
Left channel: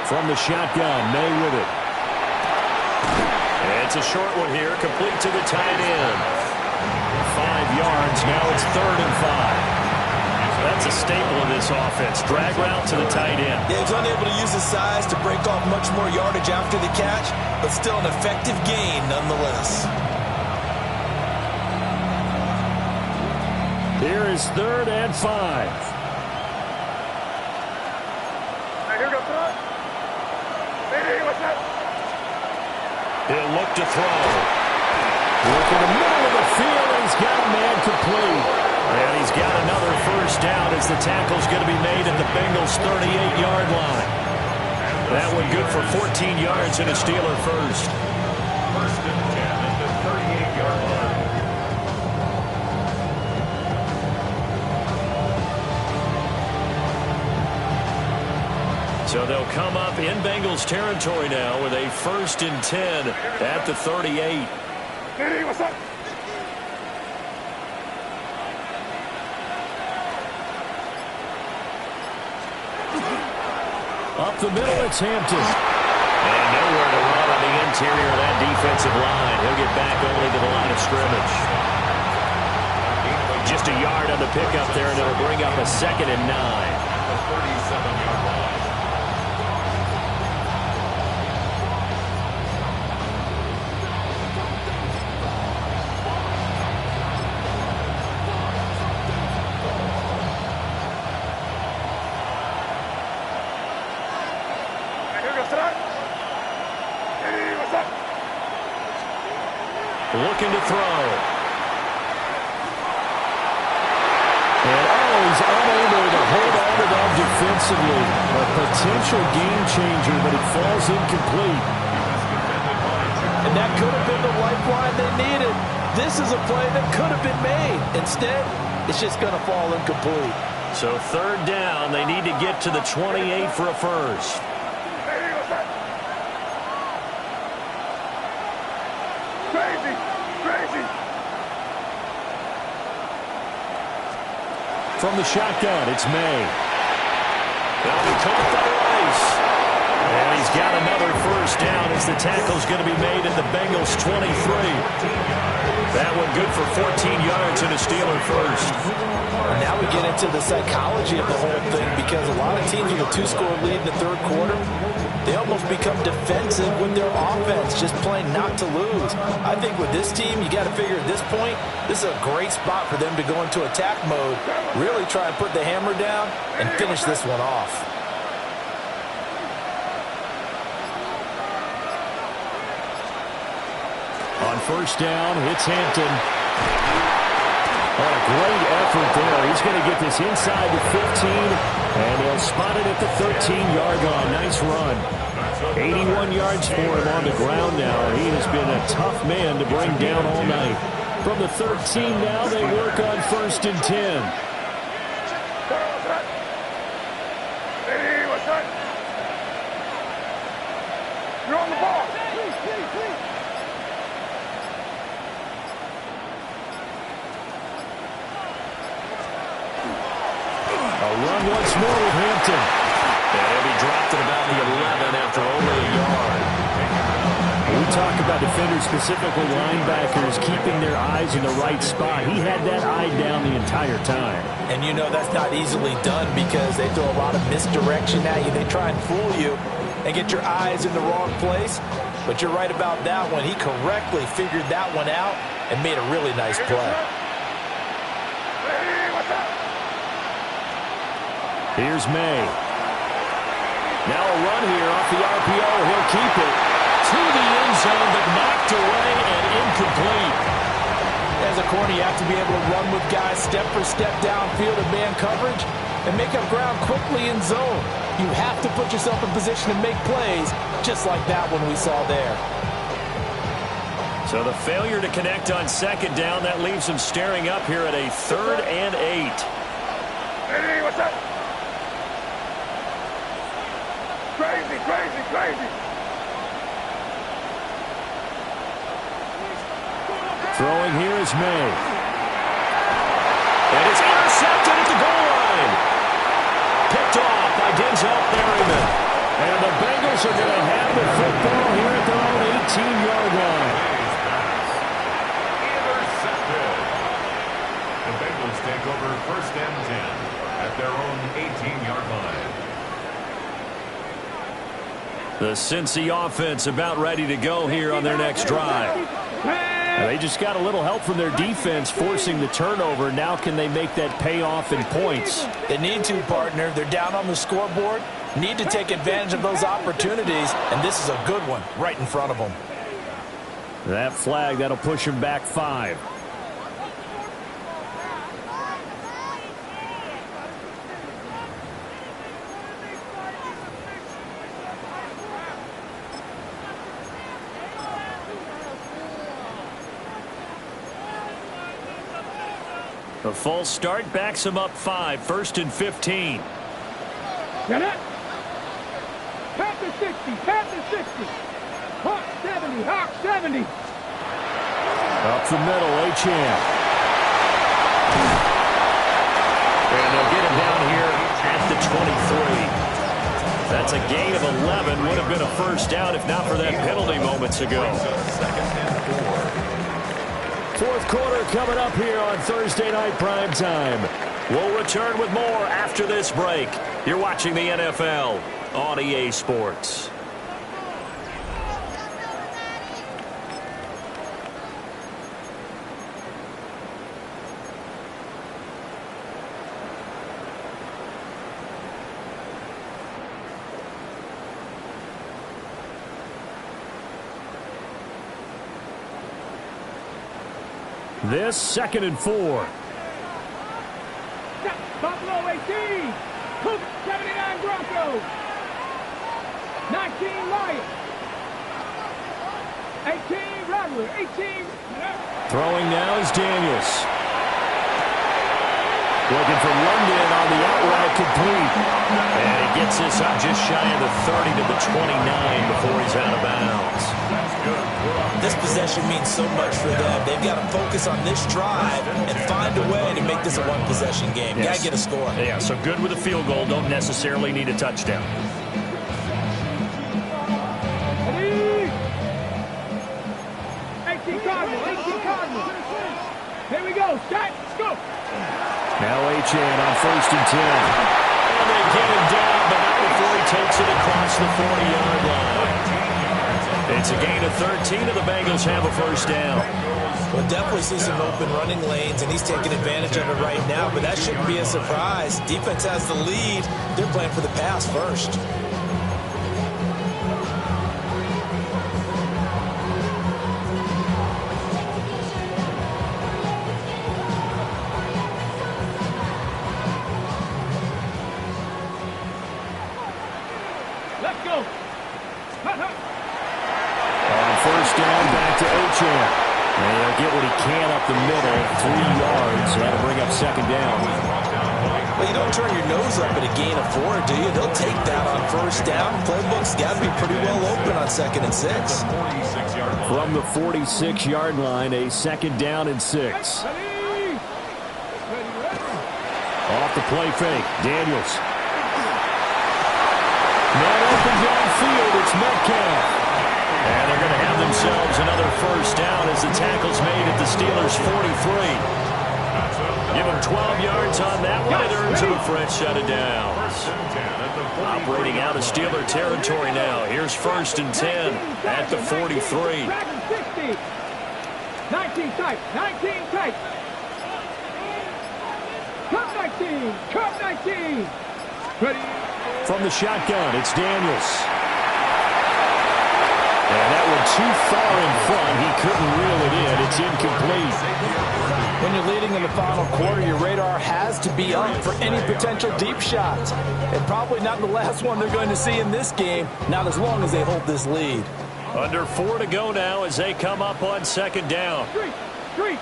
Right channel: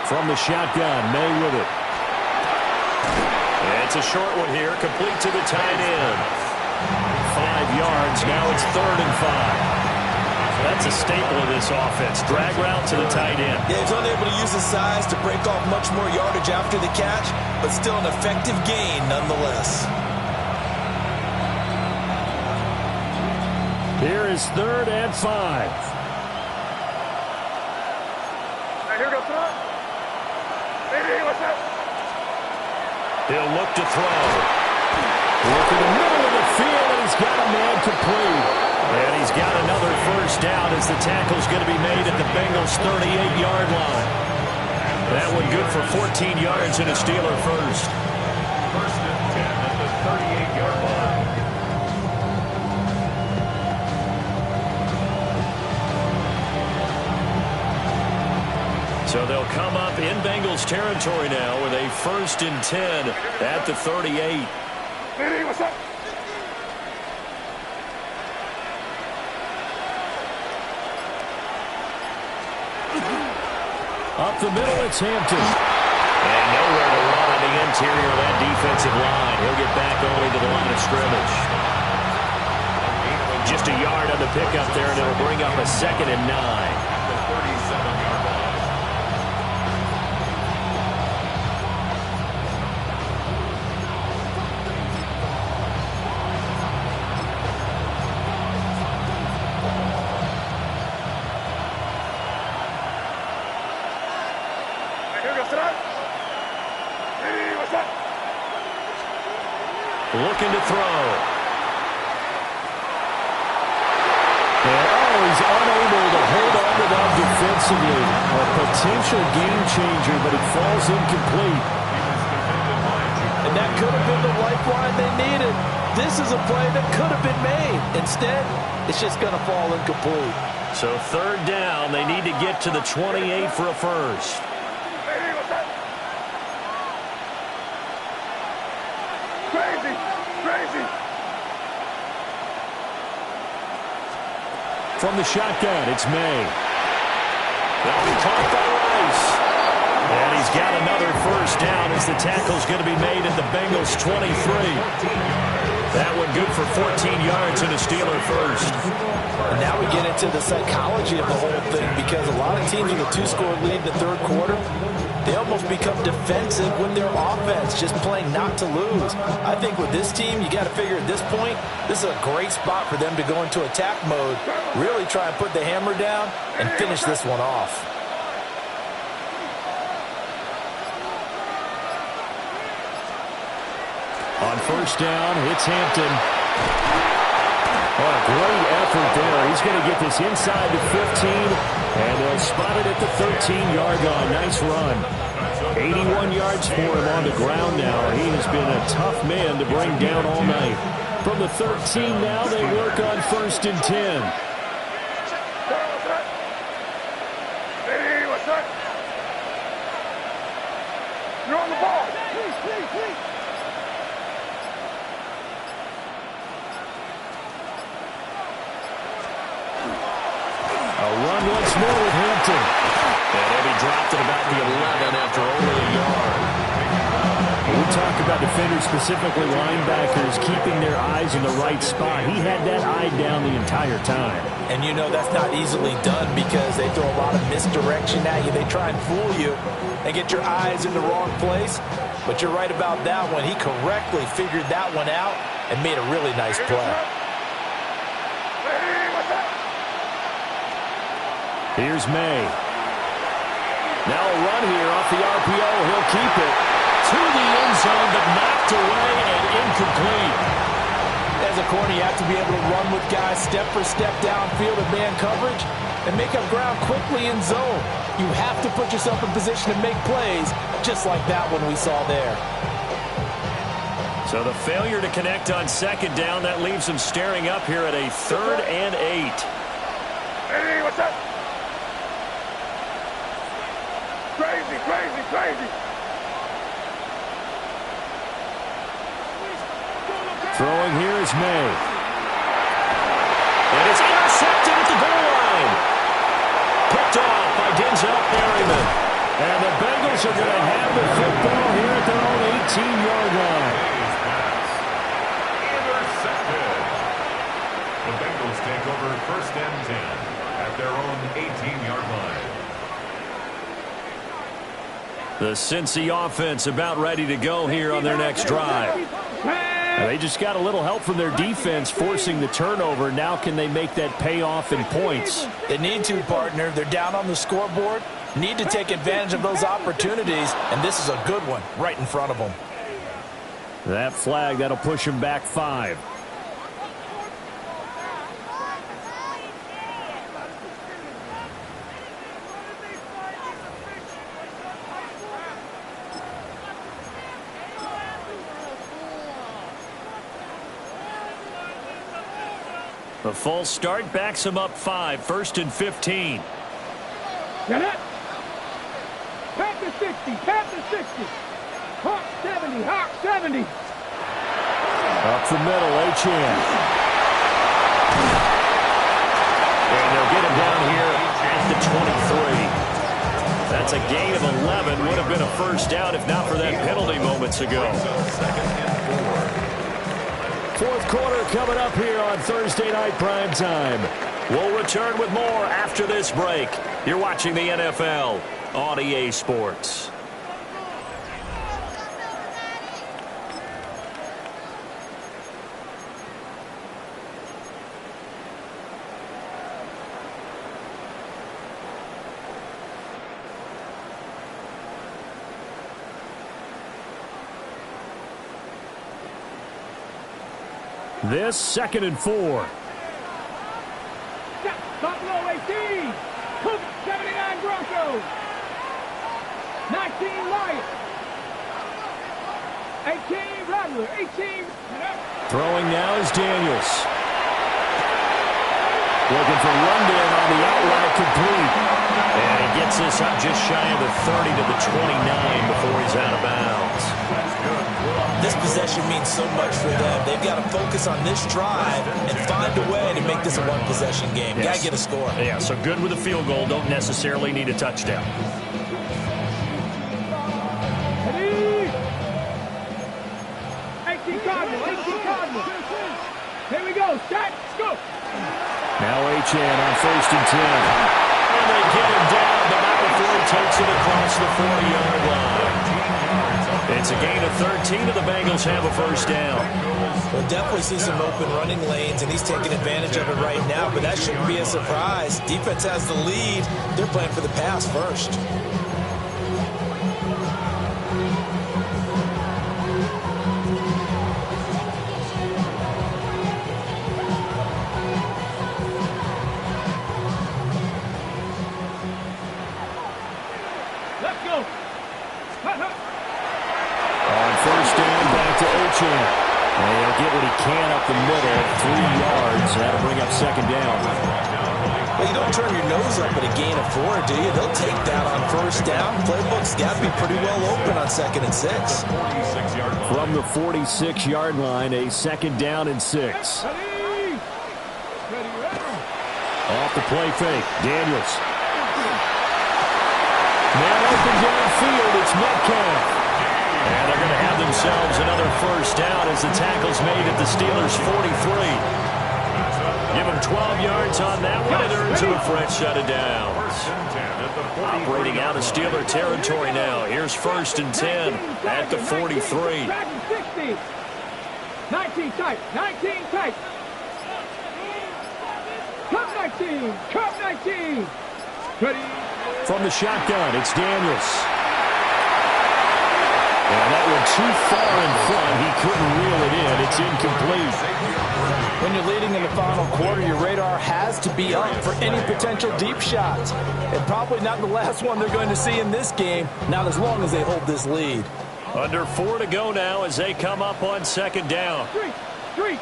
From the shotgun, May with it. And it's a short one here, complete to the tight end. 5 yards, now it's 3rd and 5. That's a staple of this offense. Drag route to the tight end. Yeah, he's unable to use his size to break off much more yardage after the catch, but still an effective gain nonetheless. Here is 3rd and 5. He'll look to throw. Work in the middle of the field, and he's got a man complete. And he's got another first down as the tackle's going to be made at the Bengals' 38-yard line. That one good for 14 yards and a Steeler first. 1st and 10 at the 38-yard line. So they'll come up in Bengals territory now with a 1st and 10 at the 38. What's up? Up the middle, it's Hampton. And nowhere to run on the interior of that defensive line. He'll get back only to the line of scrimmage. Just a yard on the pickup there, and it'll bring up a 2nd and 9. At the 37-yard line. Looking to throw. And, oh, he's unable to hold on to that defensively. A potential game changer, but it falls incomplete. And that could have been the lifeline they needed. This is a play that could have been made. Instead, it's just going to fall incomplete. So third down, they need to get to the 28 for a first. Crazy. From the shotgun, it's May. That'll be caught by Rice. And he's got another first down as the tackle's going to be made at the Bengals' 23. That one good for 14 yards and a Steeler first. And now we get into the psychology of the whole thing, because a lot of teams with a 2-score lead in the third quarter, they almost become defensive with their offense, just playing not to lose. I think with this team, you got to figure at this point, this is a great spot for them to go into attack mode, really try and put the hammer down and finish this one off. On first down, it's Hampton. What a great effort there. He's going to get this inside the 15, and they'll spot it at the 13-yard line. Nice run. 81 yards for him on the ground now. He has been a tough man to bring down all night. From the 13 now, they work on first and 10. Hey, what's that? You're on the ball. Please. A run once more with Hampton. And he'll be dropped at about the 11 after only a yard. We talk about defenders, specifically linebackers, keeping their eyes in the right spot. He had that eye down the entire time. And you know that's not easily done because they throw a lot of misdirection at you. They try and fool you and get your eyes in the wrong place. But you're right about that one. He correctly figured that one out and made a really nice play. Here's May. Now a run here off the RPO. He'll keep it to the end zone, but knocked away and incomplete. As a corner, you have to be able to run with guys step for step downfield in man coverage and make up ground quickly in zone. You have to put yourself in position to make plays, just like that one we saw there. So the failure to connect on second down, that leaves him staring up here at a 3rd and 8. Hey, what's up? Crazy. Throwing here is May. And it's intercepted at the goal line. Picked off by Denzel Perryman. And the Bengals are going to have the football here at their own 18-yard line. Intercepted. The Bengals take over first and 10 at their own 18-yard line. The Cincy offense about ready to go here on their next drive. And they just got a little help from their defense forcing the turnover. Now can they make that pay off in points? They need to, partner. They're down on the scoreboard. Need to take advantage of those opportunities, and this is a good one right in front of them. That flag, that'll push them back 5. The false start backs him up 5, 1st and 15. Get it? Panther 60. Hawk 70. Up the middle, Achane. And they'll get him down here at the 23. That's a gain of 11. Would have been a first down if not for that penalty moments ago. 4th quarter coming up here on Thursday Night Primetime. We'll return with more after this break. You're watching the NFL on EA Sports. This 2nd and 4. Buffalo 18. Cougar, 79 Broncos. 19 Lions. 18 Rattler. 18. Throwing now is Daniels. Looking for London on the outright complete. And he gets this up just shy of the 30 to the 29 before he's out of bounds. This possession means so much for them. They've got to focus on this drive and find a way to make this a one-possession game. Yes. Got to get a score. Yeah, so good with a field goal. Don't necessarily need a touchdown. Ready? 18 Cardinals. 18 Cardinals. Here we go. Start. Let's go. Now Achane on 1st and 10. And they get him down, but not before he takes it across the 40-yard line. It's a gain of 13, and the Bengals have a first down. We'll definitely see some open running lanes, and he's taking advantage of it right now, but that shouldn't be a surprise. Defense has the lead. They're playing for the pass first. Let's go. On 1st down, back to Achane. And he'll get what he can up the middle, 3 yards. That'll bring up 2nd down. Well, you don't turn your nose up at a gain of 4, do you? They'll take that on 1st down. Playbook's got to be pretty well open on 2nd and 6. From the 46-yard line, a 2nd down and 6. Ready? Ready. Off the play fake, Daniels. Man open downfield, it's Metcalf. And they're going to have themselves another first down as the tackle's made at the Steelers' 43. Give them 12 yards on that one. It earns them a fresh set of downs. Operating out of Steeler territory now. Here's 1st and 10 at the 43. 60. 19 tight. 19 tight. Cup 19. Cup 19. Ready. From the shotgun, it's Daniels. And that one too far in front. He couldn't reel it in. It's incomplete. When you're leading in the final quarter, your radar has to be up for any potential deep shots. And probably not the last one they're going to see in this game, not as long as they hold this lead. Under 4 to go now as they come up on 2nd down. Street.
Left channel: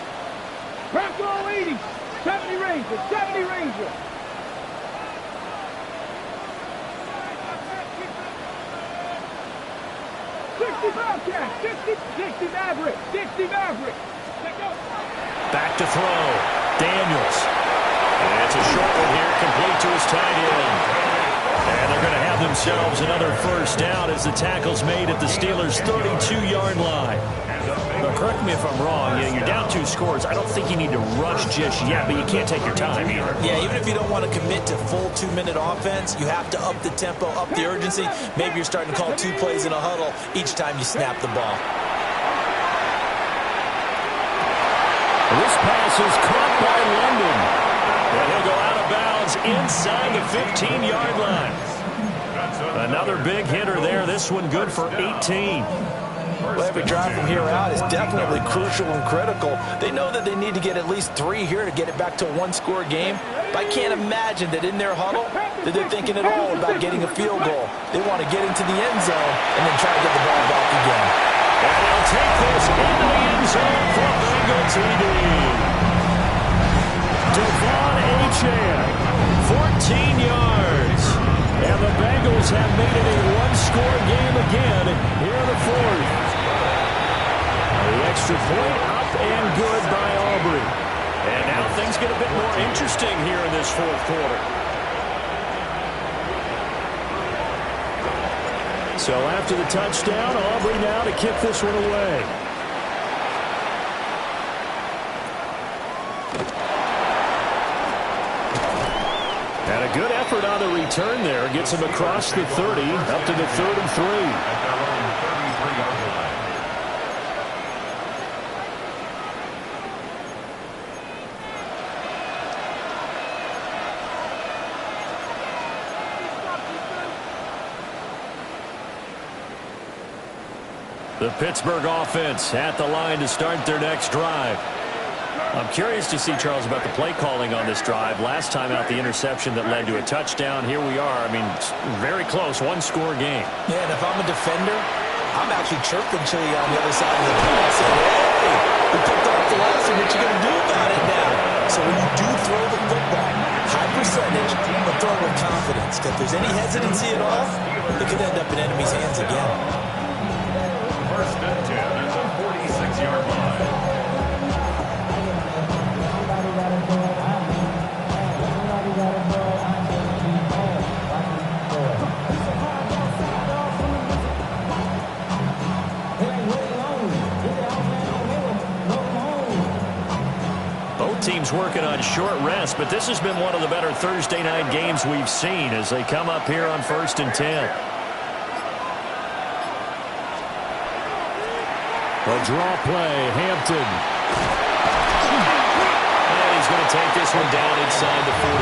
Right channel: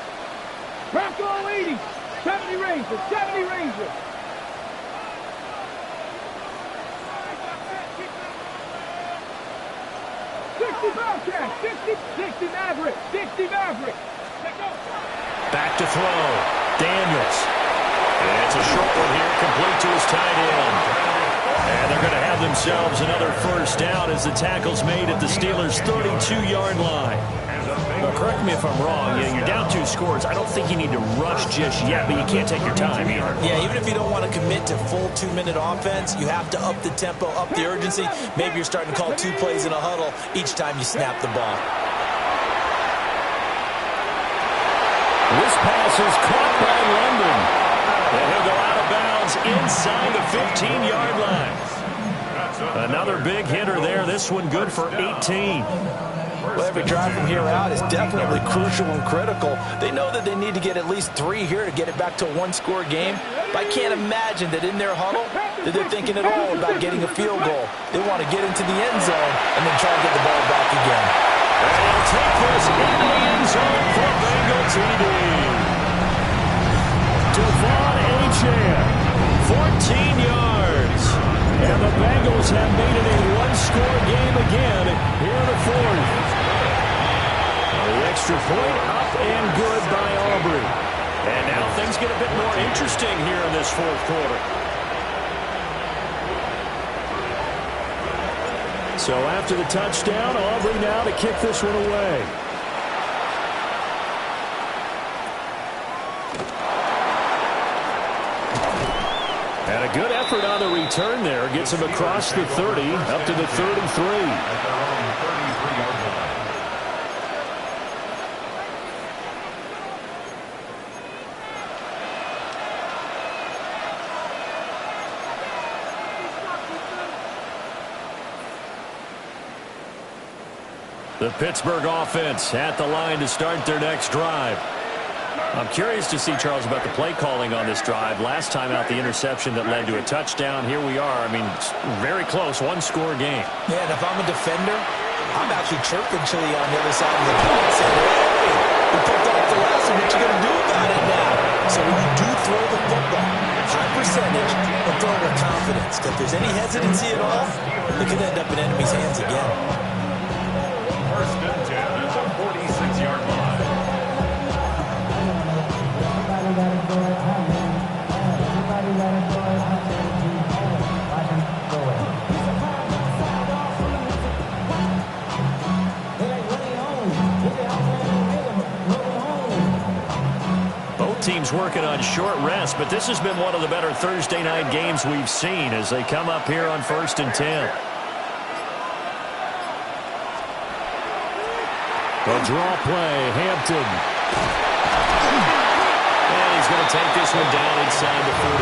Bronco 80. 70 Ranger. 70 Ranger. 60 Bobcat, 60 Maverick, 60 Maverick. Back to throw. Daniels. And it's a short one here, complete to his tight end. And they're going to have themselves another first down as the tackle's made at the Steelers' 32-yard line. Now, correct me if I'm wrong. You're down 2 scores. I don't think you need to rush just yet, but you can't take your time either. Yeah, even if you don't want to commit to full 2-minute offense, you have to up the tempo, up the urgency. Maybe you're starting to call 2 plays in a huddle each time you snap the ball. This pass is caught by London. And he'll go out of bounds inside the 15-yard line. Another big hitter there. This one good for 18. Well, every drive from here out is definitely crucial and critical. They know that they need to get at least 3 here to get it back to a 1-score game. But I can't imagine that in their huddle that they're thinking at all about getting a field goal. They want to get into the end zone and then try to get the ball back again. And he'll take this into the end zone for a Bengal TD. Devon Achane, 14 yards. And the Bengals have made it a 1-score game again here in the 4th. The extra point up and good by Aubrey. And now things get a bit more interesting here in this 4th quarter. So after the touchdown, Aubrey now to kick this one away. And a good effort on the return there. Gets him across the 30, up to the 33. At their own 33-yard line. The Pittsburgh offense at the line to start their next drive. I'm curious to see, Charles, about the play calling on this drive. Last time out, the interception that led to a touchdown. Here we are. I mean, very close, one-score game. Yeah, and if I'm a defender, I'm actually chirping Chili on the other side of the field saying, hey, we picked off the last one. What you going to do about it now? So when you do throw the football, high percentage, but throw it with confidence. If there's any hesitancy at all, it could end up in enemy's hands again. First and 10 at the 46-yard line. Somebody gotta do it. I mean, somebody gotta do it. I can't keep playing. Watch him do it. He's a hard outside off from the music. It ain't what he owns. He's the outland on Mayweather. Welcome home. Both teams working on short rest, but this has been one of the better Thursday night games we've seen as they come up here on 1st and 10. A draw play, Hampton. He's going to take this one down inside the 45.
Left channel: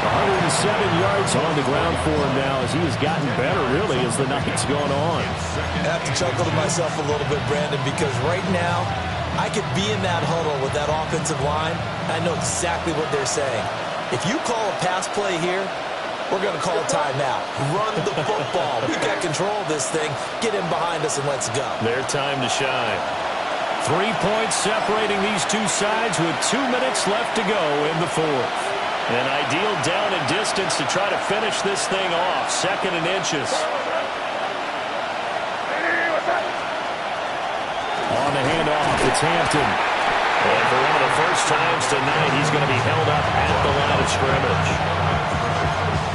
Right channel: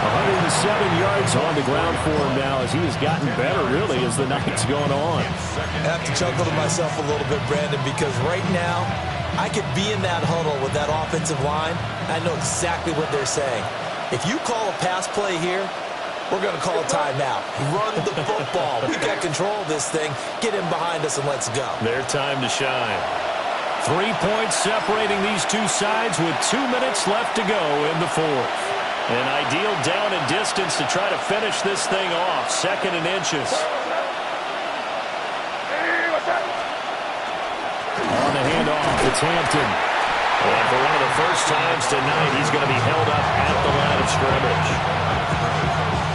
107 yards on the ground for him now as he has gotten better, really, as the night's gone on. I have to chuckle to myself a little bit, Brandon, because right now I could be in that huddle with that offensive line. I know exactly what they're saying. If you call a pass play here, we're going to call a timeout. Run the football. We got control of this thing. Get in behind us and let's go. Their time to shine. 3 points separating these two sides with 2 minutes left to go in the fourth. An ideal down and distance to try to finish this thing off. 2nd and inches. On the handoff, it's Hampton. And for one of the first times tonight, he's going to be held up at the line of scrimmage.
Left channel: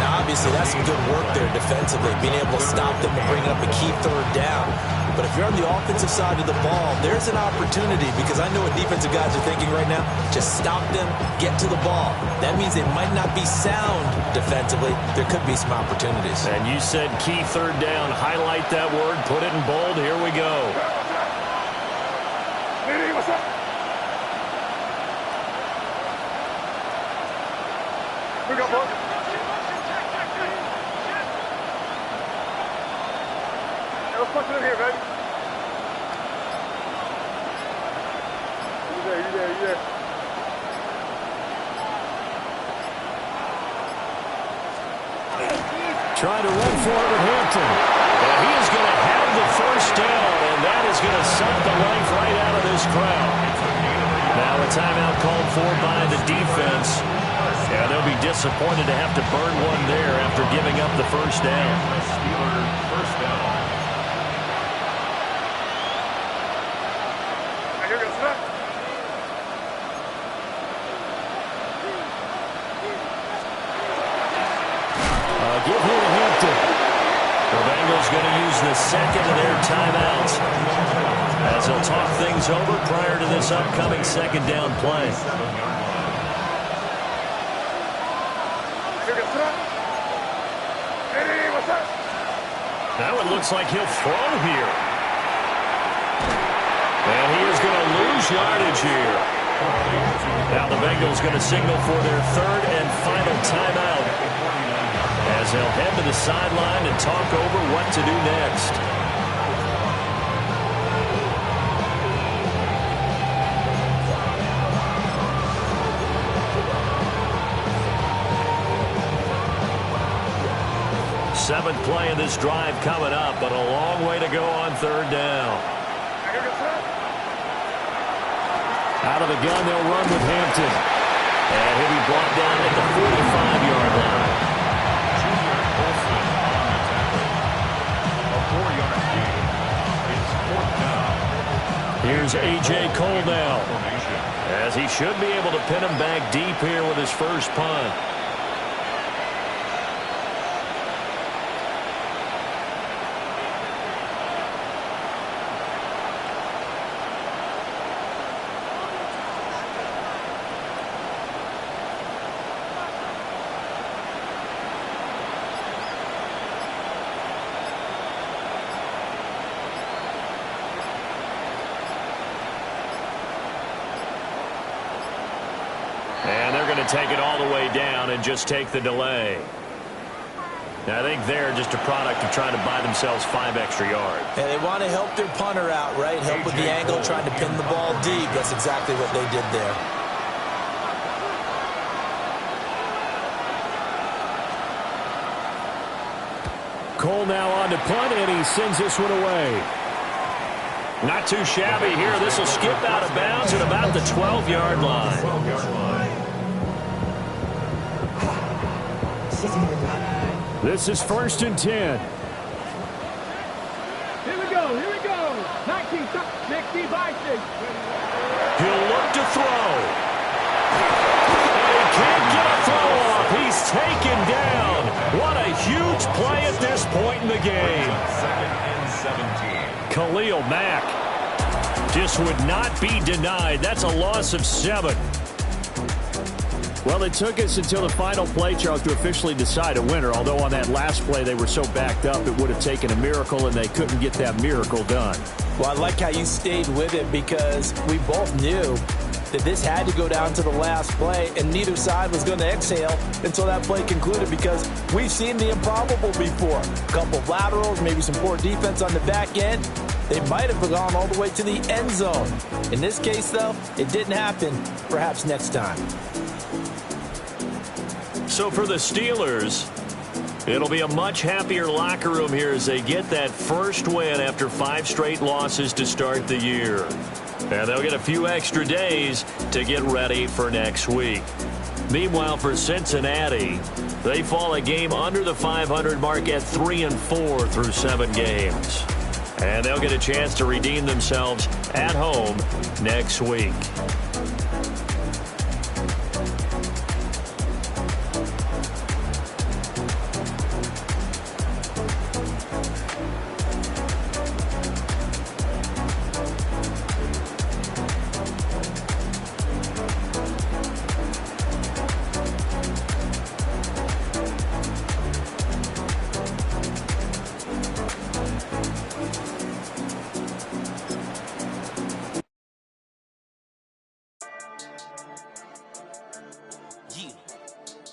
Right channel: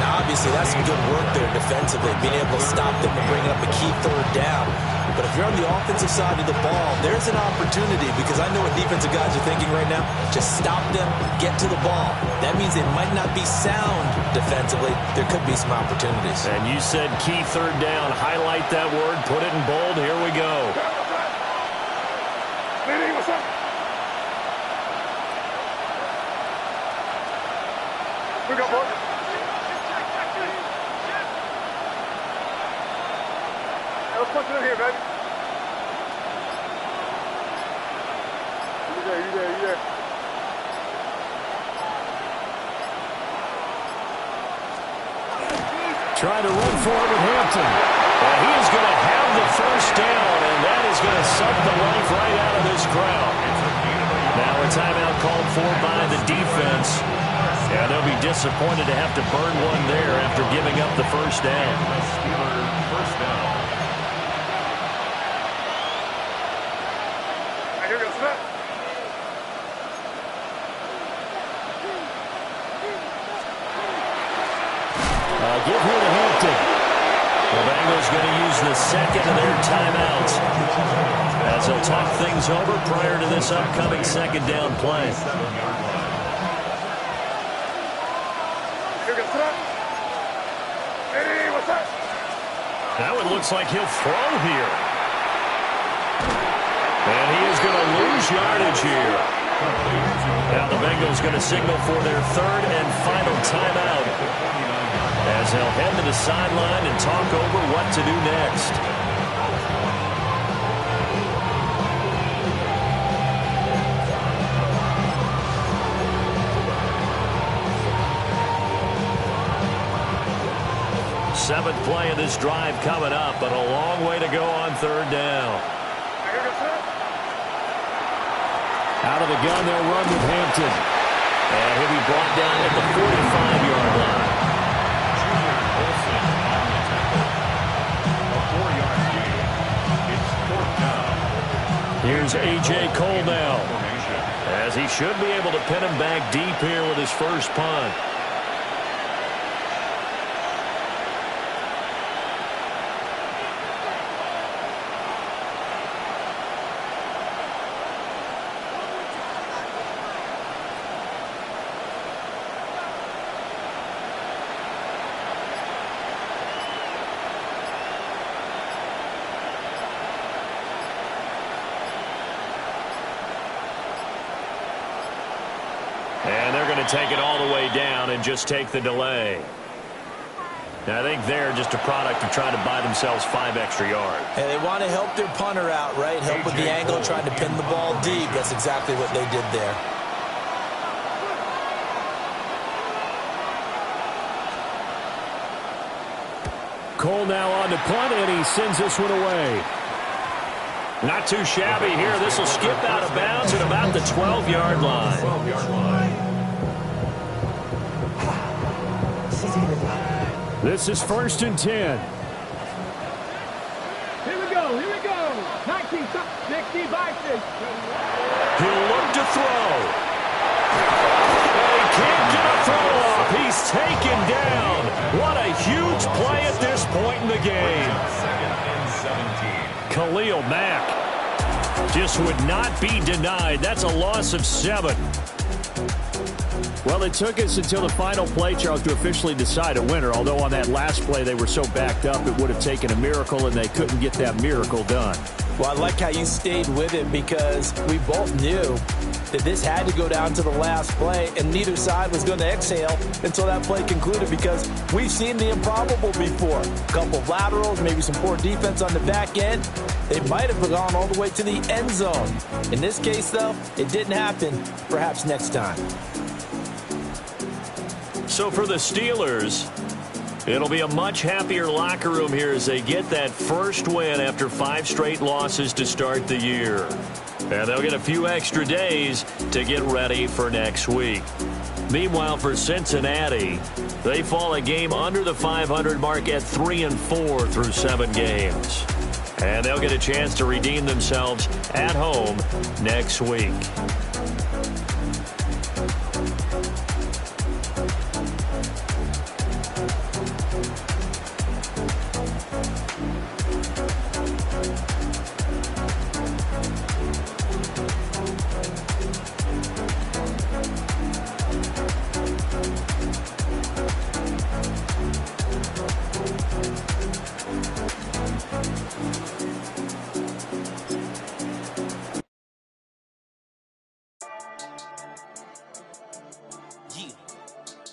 Now, obviously, that's some good work there defensively, being able to stop them and bring up a key 3rd down. But if you're on the offensive side of the ball, there's an opportunity because I know what defensive guys are thinking right now. Just stop them, get to the ball. That means they might not be sound defensively. There could be some opportunities. And you said key 3rd down. Highlight that word. Put it in bold. Here we go. What's up? We got both. Let's punch it in here, baby. You there. Trying to run for it with Hampton. And he is going to have the first down, and that is going to suck the life right out of this crowd. Now a timeout called for by the defense. Yeah, they'll be disappointed to have to burn one there after giving up the first down. Steelers first down. Here goes that. Give here to Hampton. The Bengals going to use the second of their timeouts as they'll talk things over prior to this upcoming 2nd down play. Here goes that. Hey, what's that? Now it looks like he'll throw here. And he is going to lose yardage here. Now the Bengals going to signal for their 3rd and final timeout as they'll head to the sideline and talk over what to do next. Seventh play of this drive coming up, but a long way to go on 3rd down. Out of the gun, they'll run with Hampton. And he'll be brought down at the 45-yard line. Junior Olsen on the tackle. A 4-yard gain. It's 4th down. Here's A.J. Cole now, Formation. as he should be able to pin him back deep here with his first punt. And they're going to take it all the way down and just take the delay. I think they're just a product of trying to buy themselves 5 extra yards. And they want to help their punter out, right? Help with the angle, trying to pin the ball deep. That's exactly what they did there. Cole now on to punt, and he sends this one away. Not too shabby here. This will skip out of bounds at about the 12-yard line. This is 1st and 10. Here we go. 19, 60, Vikings. He'll look to throw. And he can't get a throw off. He's taken down. What a huge play at this point in the game. 2nd and 17. Khalil Mack just would not be denied. That's a loss of 7. Well, it took us until the final play, Charles, to officially decide a winner. Although on that last play they were so backed up, it would have taken a miracle, and they couldn't get that miracle done. Well, I like how you stayed with it because we both knew that this had to go down to the last play, and neither side was going to exhale until that play concluded because we've seen the improbable before. A couple of laterals, maybe some poor defense on the back end. They might have gone all the way to the end zone. In this case, though, it didn't happen. Perhaps next time. So for the Steelers, it'll be a much happier locker room here as they get that first win after 5 straight losses to start the year. And they'll get a few extra days to get ready for next week. Meanwhile, for Cincinnati, they fall a game under the 500 mark at 3-4 through 7 games. And they'll get a chance to redeem themselves at home next week.